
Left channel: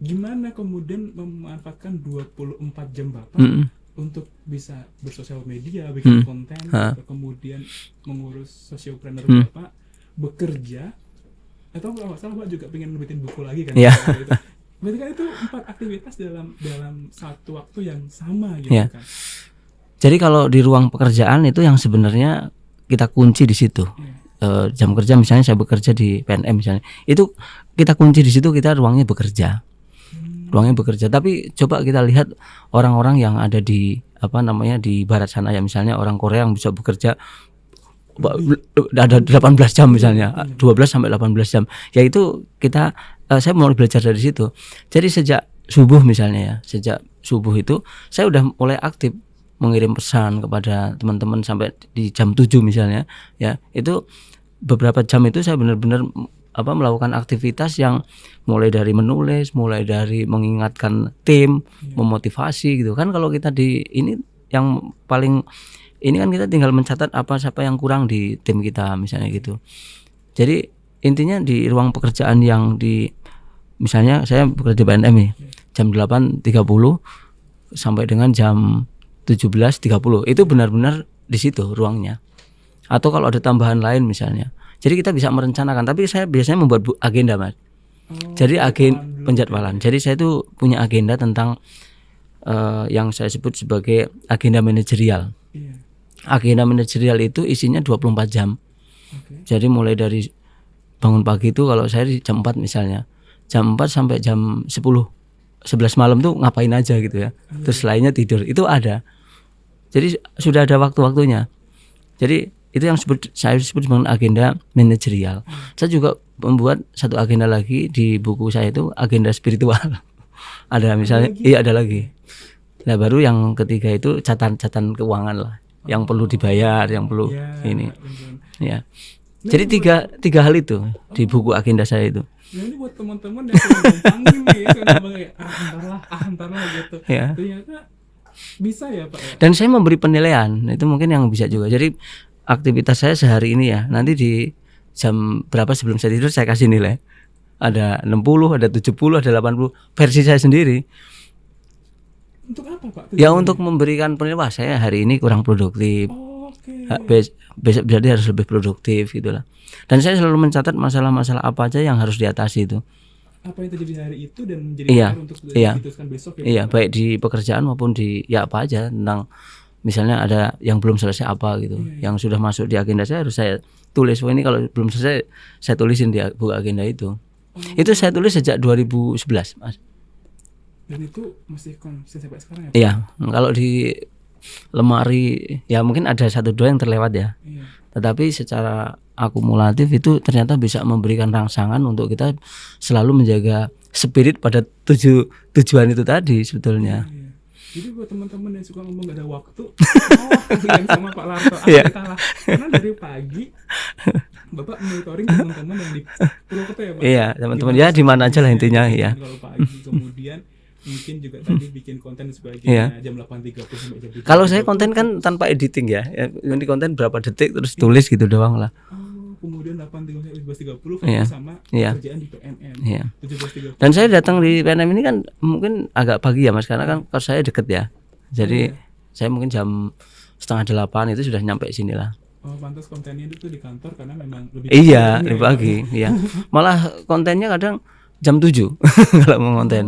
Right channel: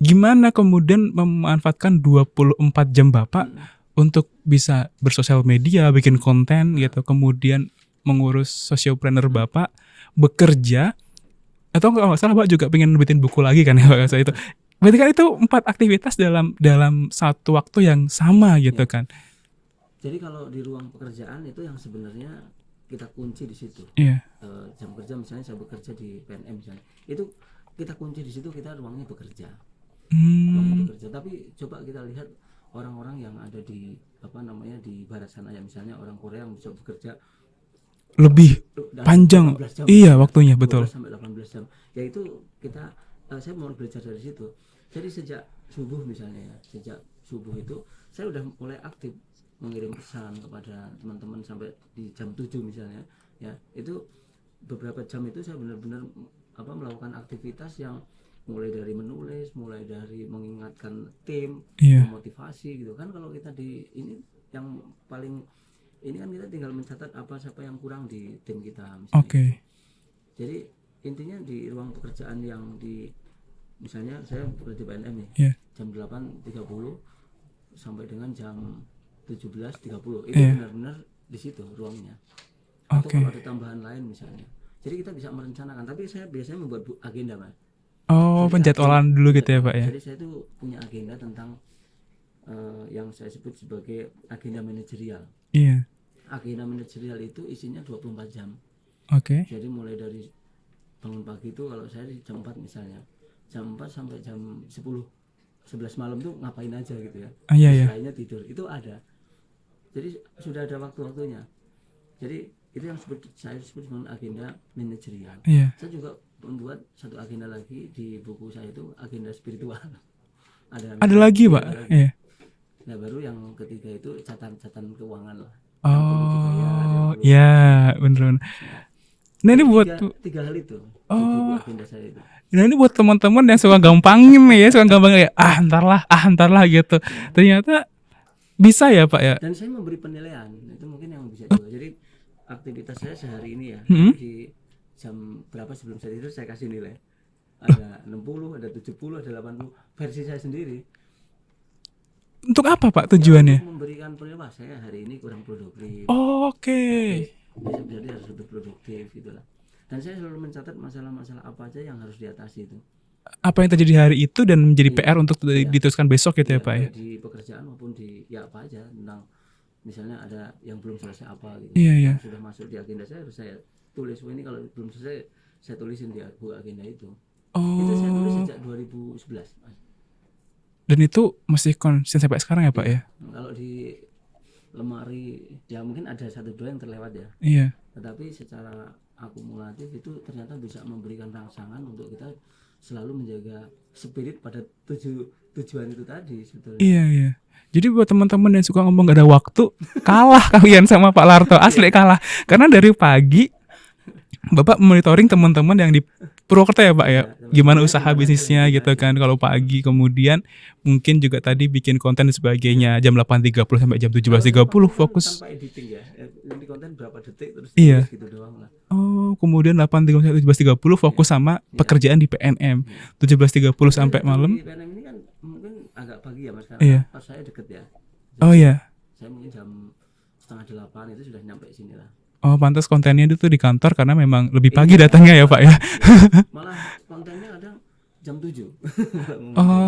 gimana kemudian memanfaatkan 24 jam Bapak untuk bisa bersosial media, bikin konten gitu, kemudian mengurus sociopreneur Bapak, bekerja, atau kalau nggak salah Bapak juga pengen bikin buku lagi kan? Itu. Berarti kan itu 4 aktivitas dalam satu waktu yang sama gitu kan. Jadi kalau di ruang pekerjaan itu yang sebenarnya kita kunci di situ. Jam kerja misalnya saya bekerja di PNM misalnya, itu kita kunci di situ, kita ruangnya bekerja. Ruangnya bekerja. Tapi coba kita lihat orang-orang yang ada di di barat sana ya, misalnya orang Korea yang bisa bekerja lebih ada 18 jam misalnya, waktunya, 12 sampai 18 jam. Yaitu saya mau belajar dari situ. Jadi sejak subuh misalnya ya, sejak subuh itu saya udah mulai aktif mengirim pesan kepada teman-teman sampai di jam 7 misalnya ya. Itu beberapa jam itu saya benar-benar melakukan aktivitas yang mulai dari menulis, mulai dari mengingatkan tim, memotivasi gitu kan. Kalau kita di ini yang paling ini kan kita tinggal mencatat siapa yang kurang di tim kita misalnya gitu. Jadi intinya di ruang pekerjaan yang misalnya saya bekerja PNM nih, jam 8.30 sampai dengan jam 17.30 itu benar-benar di situ ruangnya. Atau kalau ada tambahan lain misalnya. Jadi kita bisa merencanakan, tapi saya biasanya membuat agenda, Mas. Jadi penjadwalan. Jadi saya itu punya agenda tentang yang saya sebut sebagai agenda manajerial. Agenda manajerial itu isinya 24 jam. Jadi mulai dari bangun pagi itu kalau saya di jam 4 misalnya, jam 4 sampai jam 11 malam tuh ngapain aja gitu ya. Terus lainnya tidur, itu ada. Jadi sudah ada waktu-waktunya. Jadi itu yang saya sebut dengan agenda manajerial. Saya juga membuat satu agenda lagi di buku saya itu agenda spiritual. Ada misalnya ada lagi. Nah baru yang ketiga itu catatan keuangan lah, yang perlu dibayar, yang perlu bener. Nah, jadi tiga hal itu di buku agenda saya itu. Nah ini buat teman-teman yang suka gampangin nih ya, suka gampang kayak entar lah gitu. Ternyata bisa ya Pak ya. Dan saya memberi penilaian, itu mungkin yang bisa juga. Jadi aktivitas saya sehari ini ya, nanti di jam berapa sebelum saya tidur saya kasih nilai. Ada 60, ada 70, ada 80 versi saya sendiri. Untuk apa Pak tujuannya? Ya untuk memberikan penilaian, saya hari ini kurang produktif. Besok berarti harus lebih produktif gitulah. Dan saya selalu mencatat masalah-masalah apa aja yang harus diatasi itu. Apa yang terjadi hari itu dan menjadi PR untuk diteruskan besok gitu ya Pak. Baik di pekerjaan maupun di apa aja, tentang misalnya ada yang belum selesai apa gitu. Yang sudah masuk di agenda saya harus saya tulis. Ini kalau belum selesai saya tulisin di buku agenda itu. Itu saya tulis sejak 2011, Mas. Dan itu masih konsisten sampai sekarang ya Pak? Iya. Kalau di lemari ya mungkin ada 1-2 yang terlewat ya. Tetapi secara akumulatif itu ternyata bisa memberikan rangsangan untuk kita selalu menjaga spirit pada tujuan itu tadi sebetulnya. Iya. Jadi buat teman-teman yang suka ngomong gak ada waktu, kalah kalian sama Pak Larto, asli kalah. Karena dari pagi Bapak monitoring teman-teman yang di Purwokerto ya Pak ya, gimana usaha bisnisnya gitu kan. Kalau pagi kemudian mungkin juga tadi bikin konten dan sebagainya jam 8.30 sampai jam 17.30. Kalau saya konten kan tanpa editing ya. Ini konten berapa detik terus tulis gitu doang lah. Oh, kemudian 8.30 sampai 17.30 fokus sama pekerjaan di PNM. 17.30. Dan saya datang di PNM ini kan mungkin agak pagi ya Mas, karena kan pas saya deket ya. Jadi saya mungkin jam 7:30 itu sudah nyampe sini lah. Oh, pantas kontennya itu di kantor karena memang lebih pagi datangnya ya Pak ya. Malah kontennya kadang jam 7 kalau mau konten.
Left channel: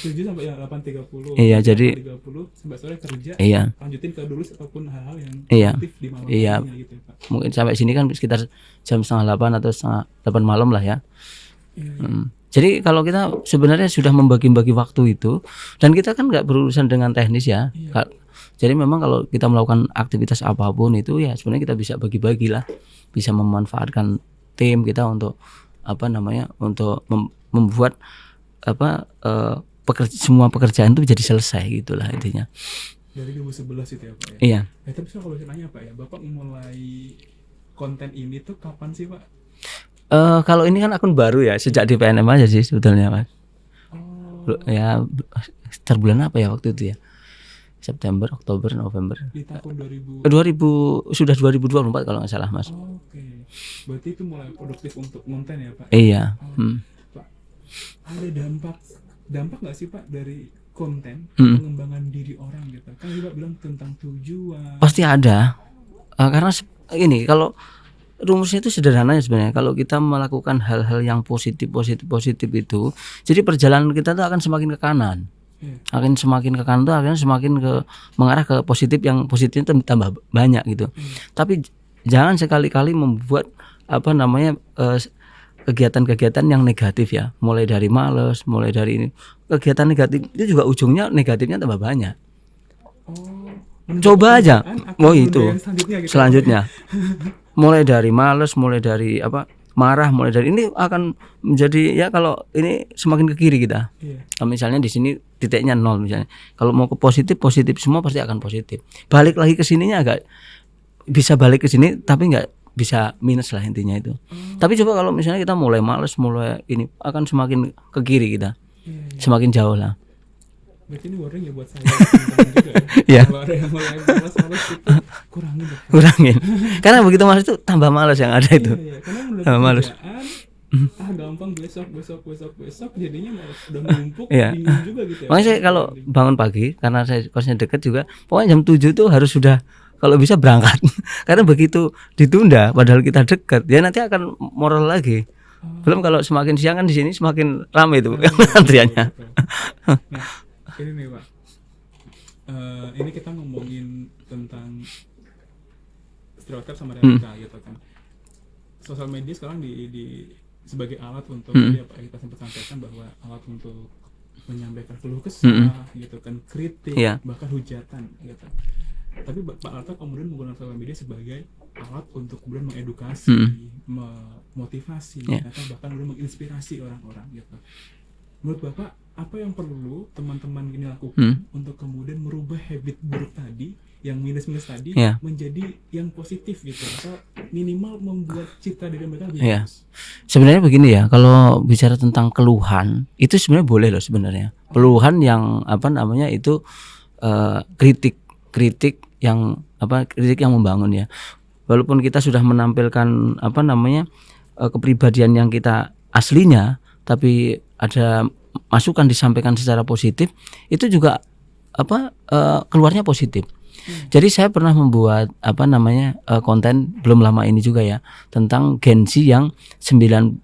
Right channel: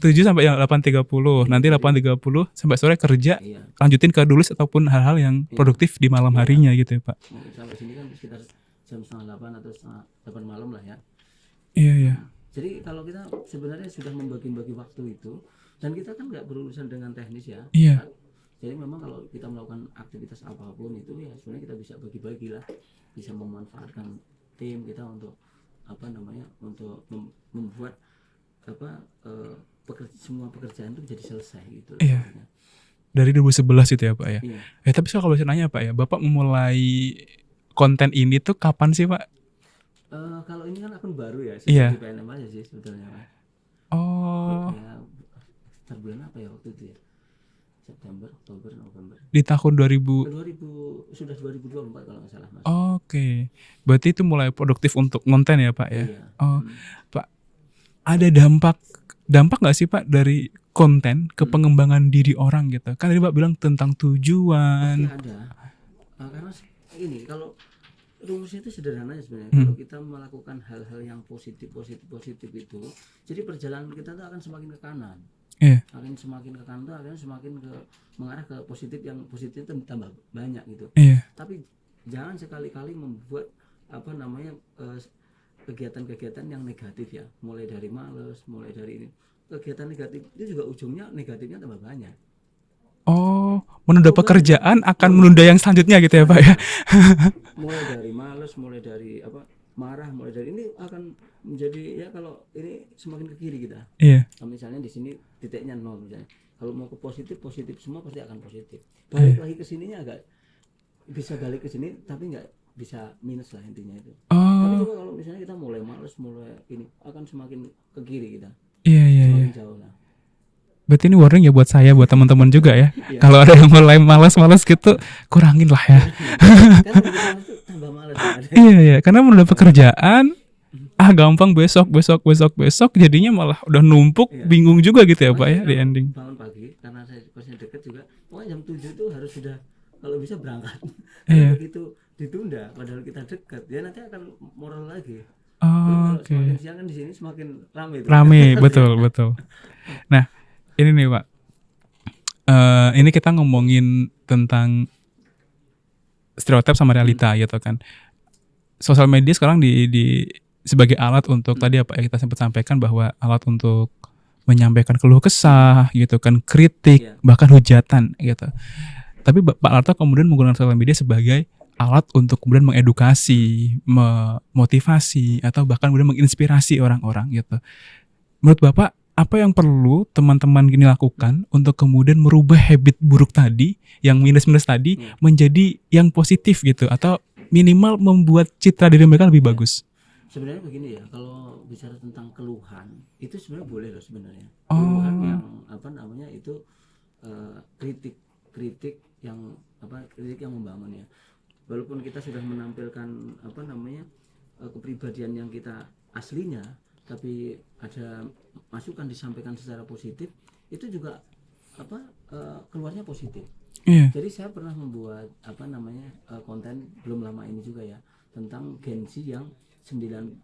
7 sampai 8.30. Nanti 8.30 sampai sore kerja. Lanjutin ke tulis ataupun hal-hal yang produktif di malam harinya gitu ya Pak. Mungkin sampai sini kan sekitar jam 7:30 atau 7:30 malam lah ya. Jadi kalau kita sebenarnya sudah membagi-bagi waktu itu, dan kita kan nggak berurusan dengan teknis ya. Jadi memang kalau kita melakukan aktivitas apapun itu ya sebenarnya kita bisa bagi-bagi lah, bisa memanfaatkan tim kita untuk untuk membuat semua pekerjaan itu jadi selesai gitulah intinya. Dari 2011 itu ya Pak ya. Iya. Tapi kalau saya nanya Pak ya, Bapak memulai konten ini tuh kapan sih Pak? Kalau ini kan akun baru ya, sejak di PNM aja sih sebetulnya Mas. Ya sekitar bulan apa ya waktu itu ya? September, Oktober, November. Di tahun 2000 sudah 2024 kalau nggak salah Mas. Oke. Berarti itu mulai produktif untuk konten ya Pak? Iya. Pak, ada dampak nggak sih Pak dari konten ke pengembangan diri orang gitu? Kan tadi Pak bilang tentang tujuan. Pasti ada. Karena ini kalau rumusnya itu sederhana ya sebenarnya. Kalau kita melakukan hal-hal yang positif itu, jadi perjalanan kita tuh akan semakin ke kanan. Akan semakin ke kanan tuh akhirnya semakin mengarah ke positif, yang positifnya tambah banyak gitu. Tapi jangan sekali-kali membuat kegiatan-kegiatan yang negatif ya. Mulai dari malas, mulai dari ini. Kegiatan negatif itu juga ujungnya negatifnya tambah banyak. Menunda pekerjaan akan menunda yang selanjutnya gitu ya Pak ya. Mulai dari malas, mulai dari marah, mulai dari ini akan menjadi ya, kalau ini semakin ke kiri kita. Kalau misalnya di sini titiknya 0 misalnya. Kalau mau ke positif semua pasti akan positif. Balik lagi ke sininya agak bisa balik ke sini tapi enggak bisa minus lah intinya itu. Tapi coba kalau misalnya kita mulai malas, mulai ini akan semakin ke kiri kita. Semakin jauh lah. Berarti ini warning ya buat saya, buat teman-teman juga ya. Kalau ada yang mulai malas gitu, kurangin lah ya. Kurangin. Karena begitu malas itu tambah malas yang ada. Karena menunda pekerjaan gampang besok jadinya malah udah numpuk, bingung juga gitu ya Pak. Makanya kalau bangun pagi, karena saya kosnya dekat juga, pokoknya jam 7 tuh harus sudah kalau bisa berangkat. Karena begitu ditunda padahal kita dekat, ya nanti akan moral lagi. Belum kalau semakin siang kan di sini semakin ramai itu. Betul. Nah, ini nih Pak, ini kita ngomongin tentang stereotip sama realita gitu kan. Sosial media sekarang di sebagai alat untuk tadi apa yang kita sempat sampaikan, bahwa alat untuk menyampaikan keluh kesah gitu kan, kritik, bahkan hujatan gitu. Tapi Pak Larto kemudian menggunakan sosial media sebagai alat untuk kemudian mengedukasi, memotivasi, atau bahkan kemudian menginspirasi orang-orang gitu. Menurut Bapak, apa yang perlu teman-teman gini lakukan untuk kemudian merubah habit buruk tadi, yang minus-minus tadi, menjadi yang positif gitu, atau minimal membuat citra diri mereka lebih bagus? Sebenarnya begini ya, kalau bicara tentang keluhan itu sebenarnya boleh loh sebenarnya. Keluhan yang itu kritik yang membangun ya. Walaupun kita sudah menampilkan kepribadian yang kita aslinya, tapi ada masukan disampaikan secara positif, itu juga keluarnya positif. Jadi saya pernah membuat konten belum lama ini juga ya, tentang Gen Z yang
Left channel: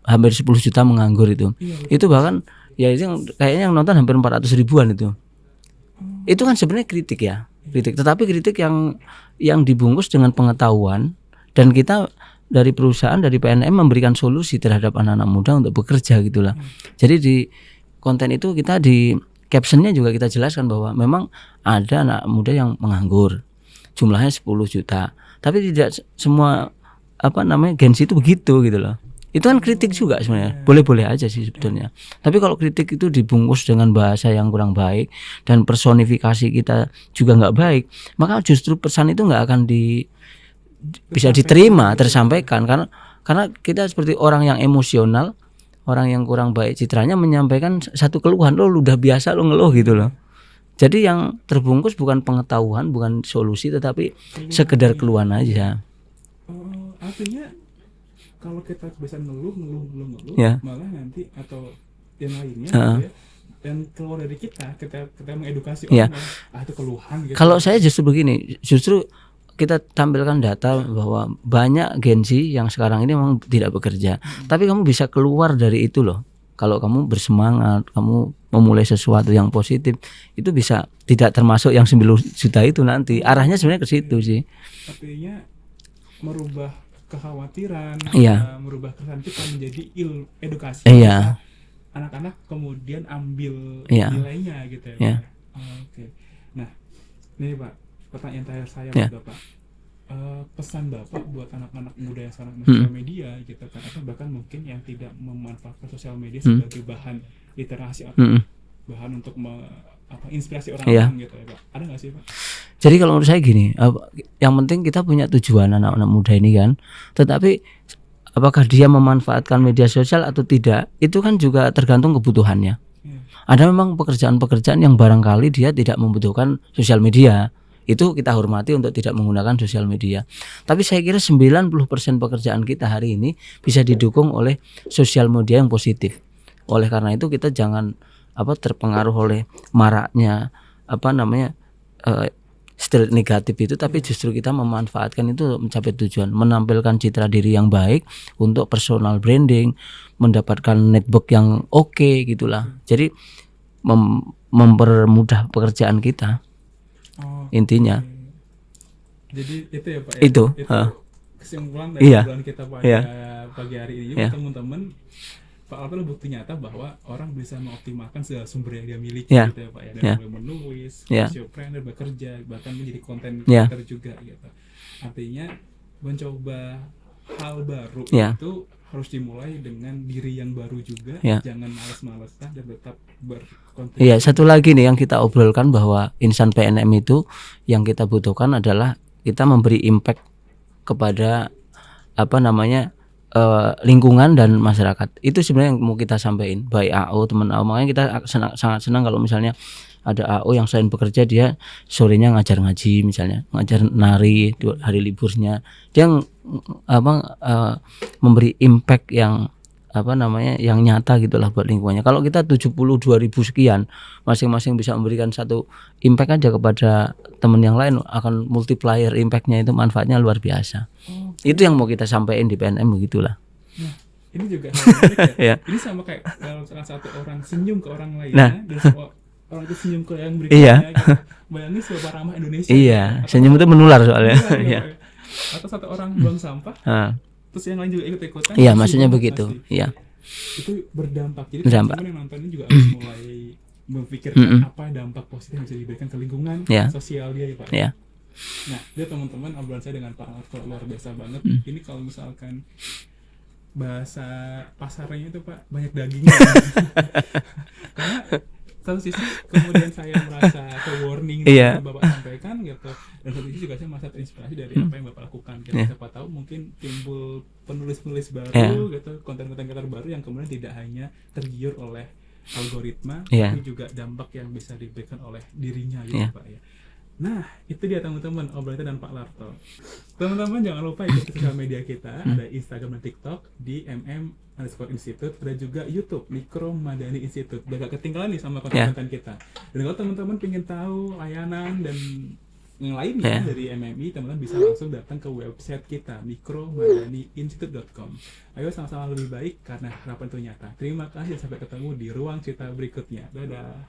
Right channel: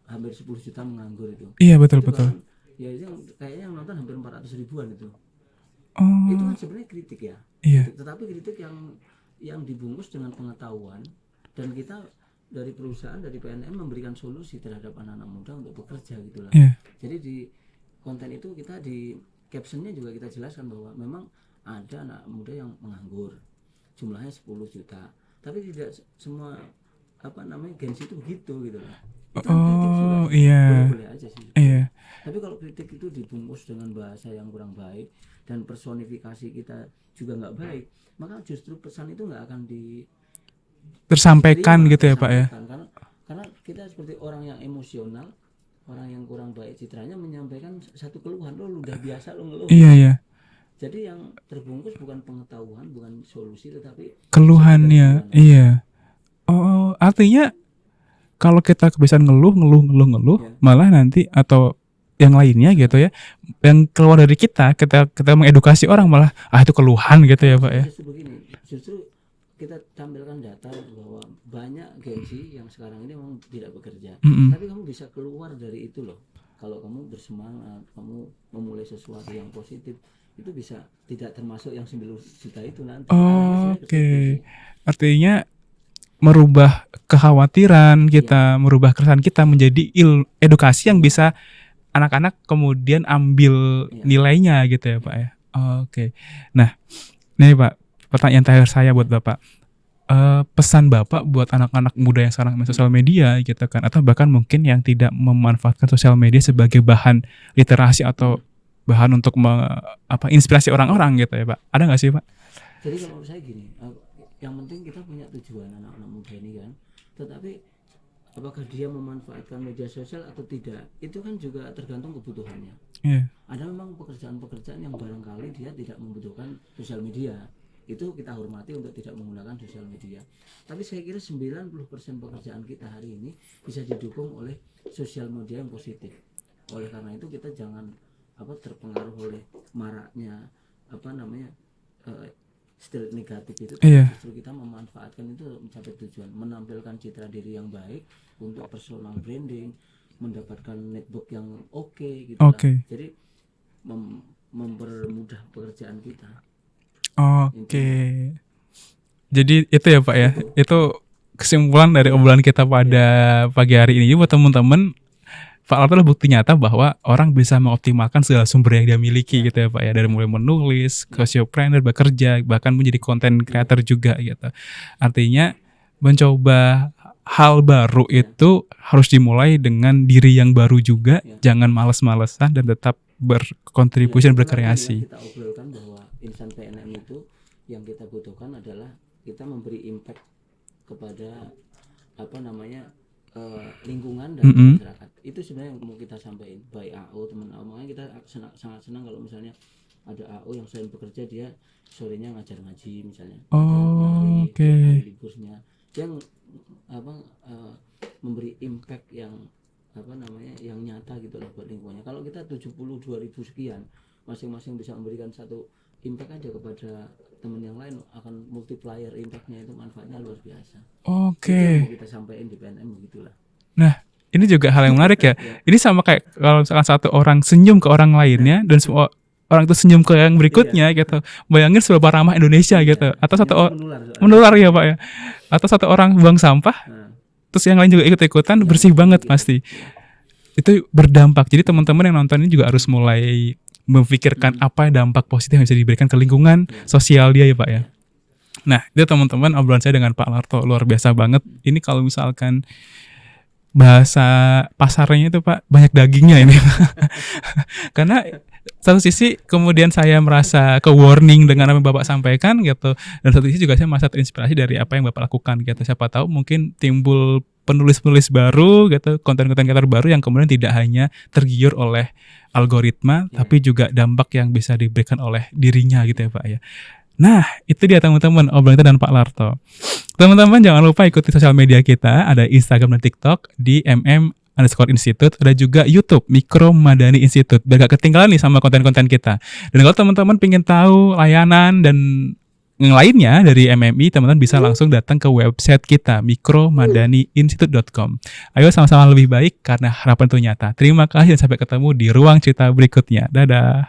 hampir 10 juta menganggur itu. Betul. Bahkan ya itu kayaknya yang nonton hampir 400 ribuan itu. Itu kan sebenarnya kritik ya. Kritik, tetapi kritik yang dibungkus dengan pengetahuan, dan kita dari perusahaan, dari PNM memberikan solusi terhadap anak-anak muda untuk bekerja gitulah. Jadi di konten itu kita di captionnya juga kita jelaskan bahwa memang ada anak muda yang menganggur, jumlahnya 10 juta. Tapi tidak semua Gen Z itu begitu gitu loh. Itu kan kritik juga sebenarnya. Boleh-boleh aja sih sebetulnya. Tapi kalau kritik itu dibungkus dengan bahasa yang kurang baik dan personifikasi kita juga nggak baik, maka justru pesan itu nggak akan bisa diterima, gitu tersampaikan ya, karena kita seperti orang yang emosional, orang yang kurang baik citranya menyampaikan satu keluhan, lo udah biasa lo ngeluh gitu loh. Jadi yang terbungkus bukan pengetahuan, bukan solusi, tetapi sekedar keluhan aja. Oh, artinya kalau kita kebiasaan ngeluh, malah nanti atau yang lainnya gitu ya, yang keluar dari kita mengedukasi orang malah itu keluhan gitu. Kalau saya justru begini, justru kita tampilkan data bahwa banyak Gen Z yang sekarang ini memang tidak bekerja, tapi kamu bisa keluar dari itu loh. Kalau kamu bersemangat, kamu memulai sesuatu yang positif, itu bisa tidak termasuk yang 9 juta itu nanti. Arahnya sebenarnya ke situ sih. Artinya merubah kekhawatiran kita, merubah keresahan kita menjadi edukasi yang bisa anak-anak kemudian ambil nilainya gitu ya Pak ya. Oke. Nah, ini Pak, pertanyaan terakhir saya buat Bapak. Pesan Bapak buat anak-anak muda yang sekarang main sosial media gitu kan, atau bahkan mungkin yang tidak memanfaatkan sosial media sebagai bahan literasi atau bahan untuk inspirasi orang-orang gitu ya Pak. Ada nggak sih Pak? Jadi kalau menurut saya gini, yang penting kita punya tujuan anak-anak muda ini kan. Tetapi apakah dia memanfaatkan media sosial atau tidak, itu kan juga tergantung kebutuhannya. Ada memang pekerjaan-pekerjaan yang barangkali dia tidak membutuhkan sosial media. Itu kita hormati untuk tidak menggunakan sosial media. Tapi saya kira 90% pekerjaan kita hari ini bisa didukung oleh sosial media yang positif. Oleh karena itu kita jangan terpengaruh oleh maraknya stigma negatif itu, tapi justru kita memanfaatkan itu mencapai tujuan, menampilkan citra diri yang baik untuk personal branding, mendapatkan network yang oke gitulah. Jadi mempermudah pekerjaan kita. Intinya. Jadi itu ya Pak ya. Itu kesimpulan dari obrolan kita pada pagi hari ini. Buat teman-teman, Pak Larto adalah bukti nyata bahwa orang bisa mengoptimalkan segala sumber yang dia miliki gitu ya Pak ya. Dari mulai menulis, sociopreneur, bekerja, bahkan menjadi content creator juga gitu. Artinya mencoba hal baru itu harus dimulai dengan diri yang baru juga. Jangan males-malesan dan tetap berkontribusi. Satu lagi nih yang kita obrolkan, bahwa insan PNM itu yang kita butuhkan adalah kita memberi impact kepada lingkungan dan masyarakat. Itu sebenarnya yang mau kita sampaikan. Baik AO, teman AO, makanya kita sangat senang kalau misalnya ada AO yang selain bekerja dia sorenya ngajar ngaji misalnya, ngajar nari, hari liburnya dia memberi impact yang yang nyata gitulah buat lingkungannya. Kalau kita 72.000 sekian, masing-masing bisa memberikan satu impact aja kepada teman yang lain, akan multiplier impactnya itu, manfaatnya luar biasa. Itu yang mau kita sampaikan di PNM begitulah. Nah, ini juga hal yang menarik ya. Ini sama kayak kalau misalkan satu orang senyum ke orang lainnya dan semua orang itu senyum ke yang berikutnya gitu. Bayangin seberapa ramah Indonesia gitu. Atau satu orang menular ya Pak ya. Atau satu orang buang sampah, terus yang lain juga ikut-ikutan, bersih banget gitu. Pasti. Itu berdampak. Jadi teman-teman yang nonton ini juga harus mulai memikirkan apa dampak positif yang bisa diberikan ke lingkungan sosial dia ya Pak ya. Nah, itu teman-teman obrolan saya dengan Pak Larto luar biasa banget. Ini kalau misalkan bahasa pasarnya itu Pak, banyak dagingnya gitu. Karena satu sisi kemudian saya merasa ke warning dengan apa yang Bapak sampaikan gitu, dan satu sisi juga saya merasa terinspirasi dari apa yang Bapak lakukan gitu. Siapa tahu mungkin timbul penulis-penulis baru gitu, konten-konten kreator baru yang kemudian tidak hanya tergiur oleh algoritma, tapi juga dampak yang bisa diberikan oleh dirinya gitu ya Pak ya. Nah, itu dia teman-teman obrolan kita dan Pak Larto. Teman-teman jangan lupa ikuti sosial media kita, ada Instagram dan TikTok di mm_institute, ada juga YouTube Mikro Madani Institute, biar gak ketinggalan nih sama konten-konten kita. Dan kalau teman-teman pengen tahu layanan dan yang lainnya dari MMI, teman-teman bisa langsung datang ke website kita mikromadaniinstitute.com. Ayo sama-sama lebih baik karena harapan itu nyata. Terima kasih dan sampai ketemu di ruang cerita berikutnya. Dadah.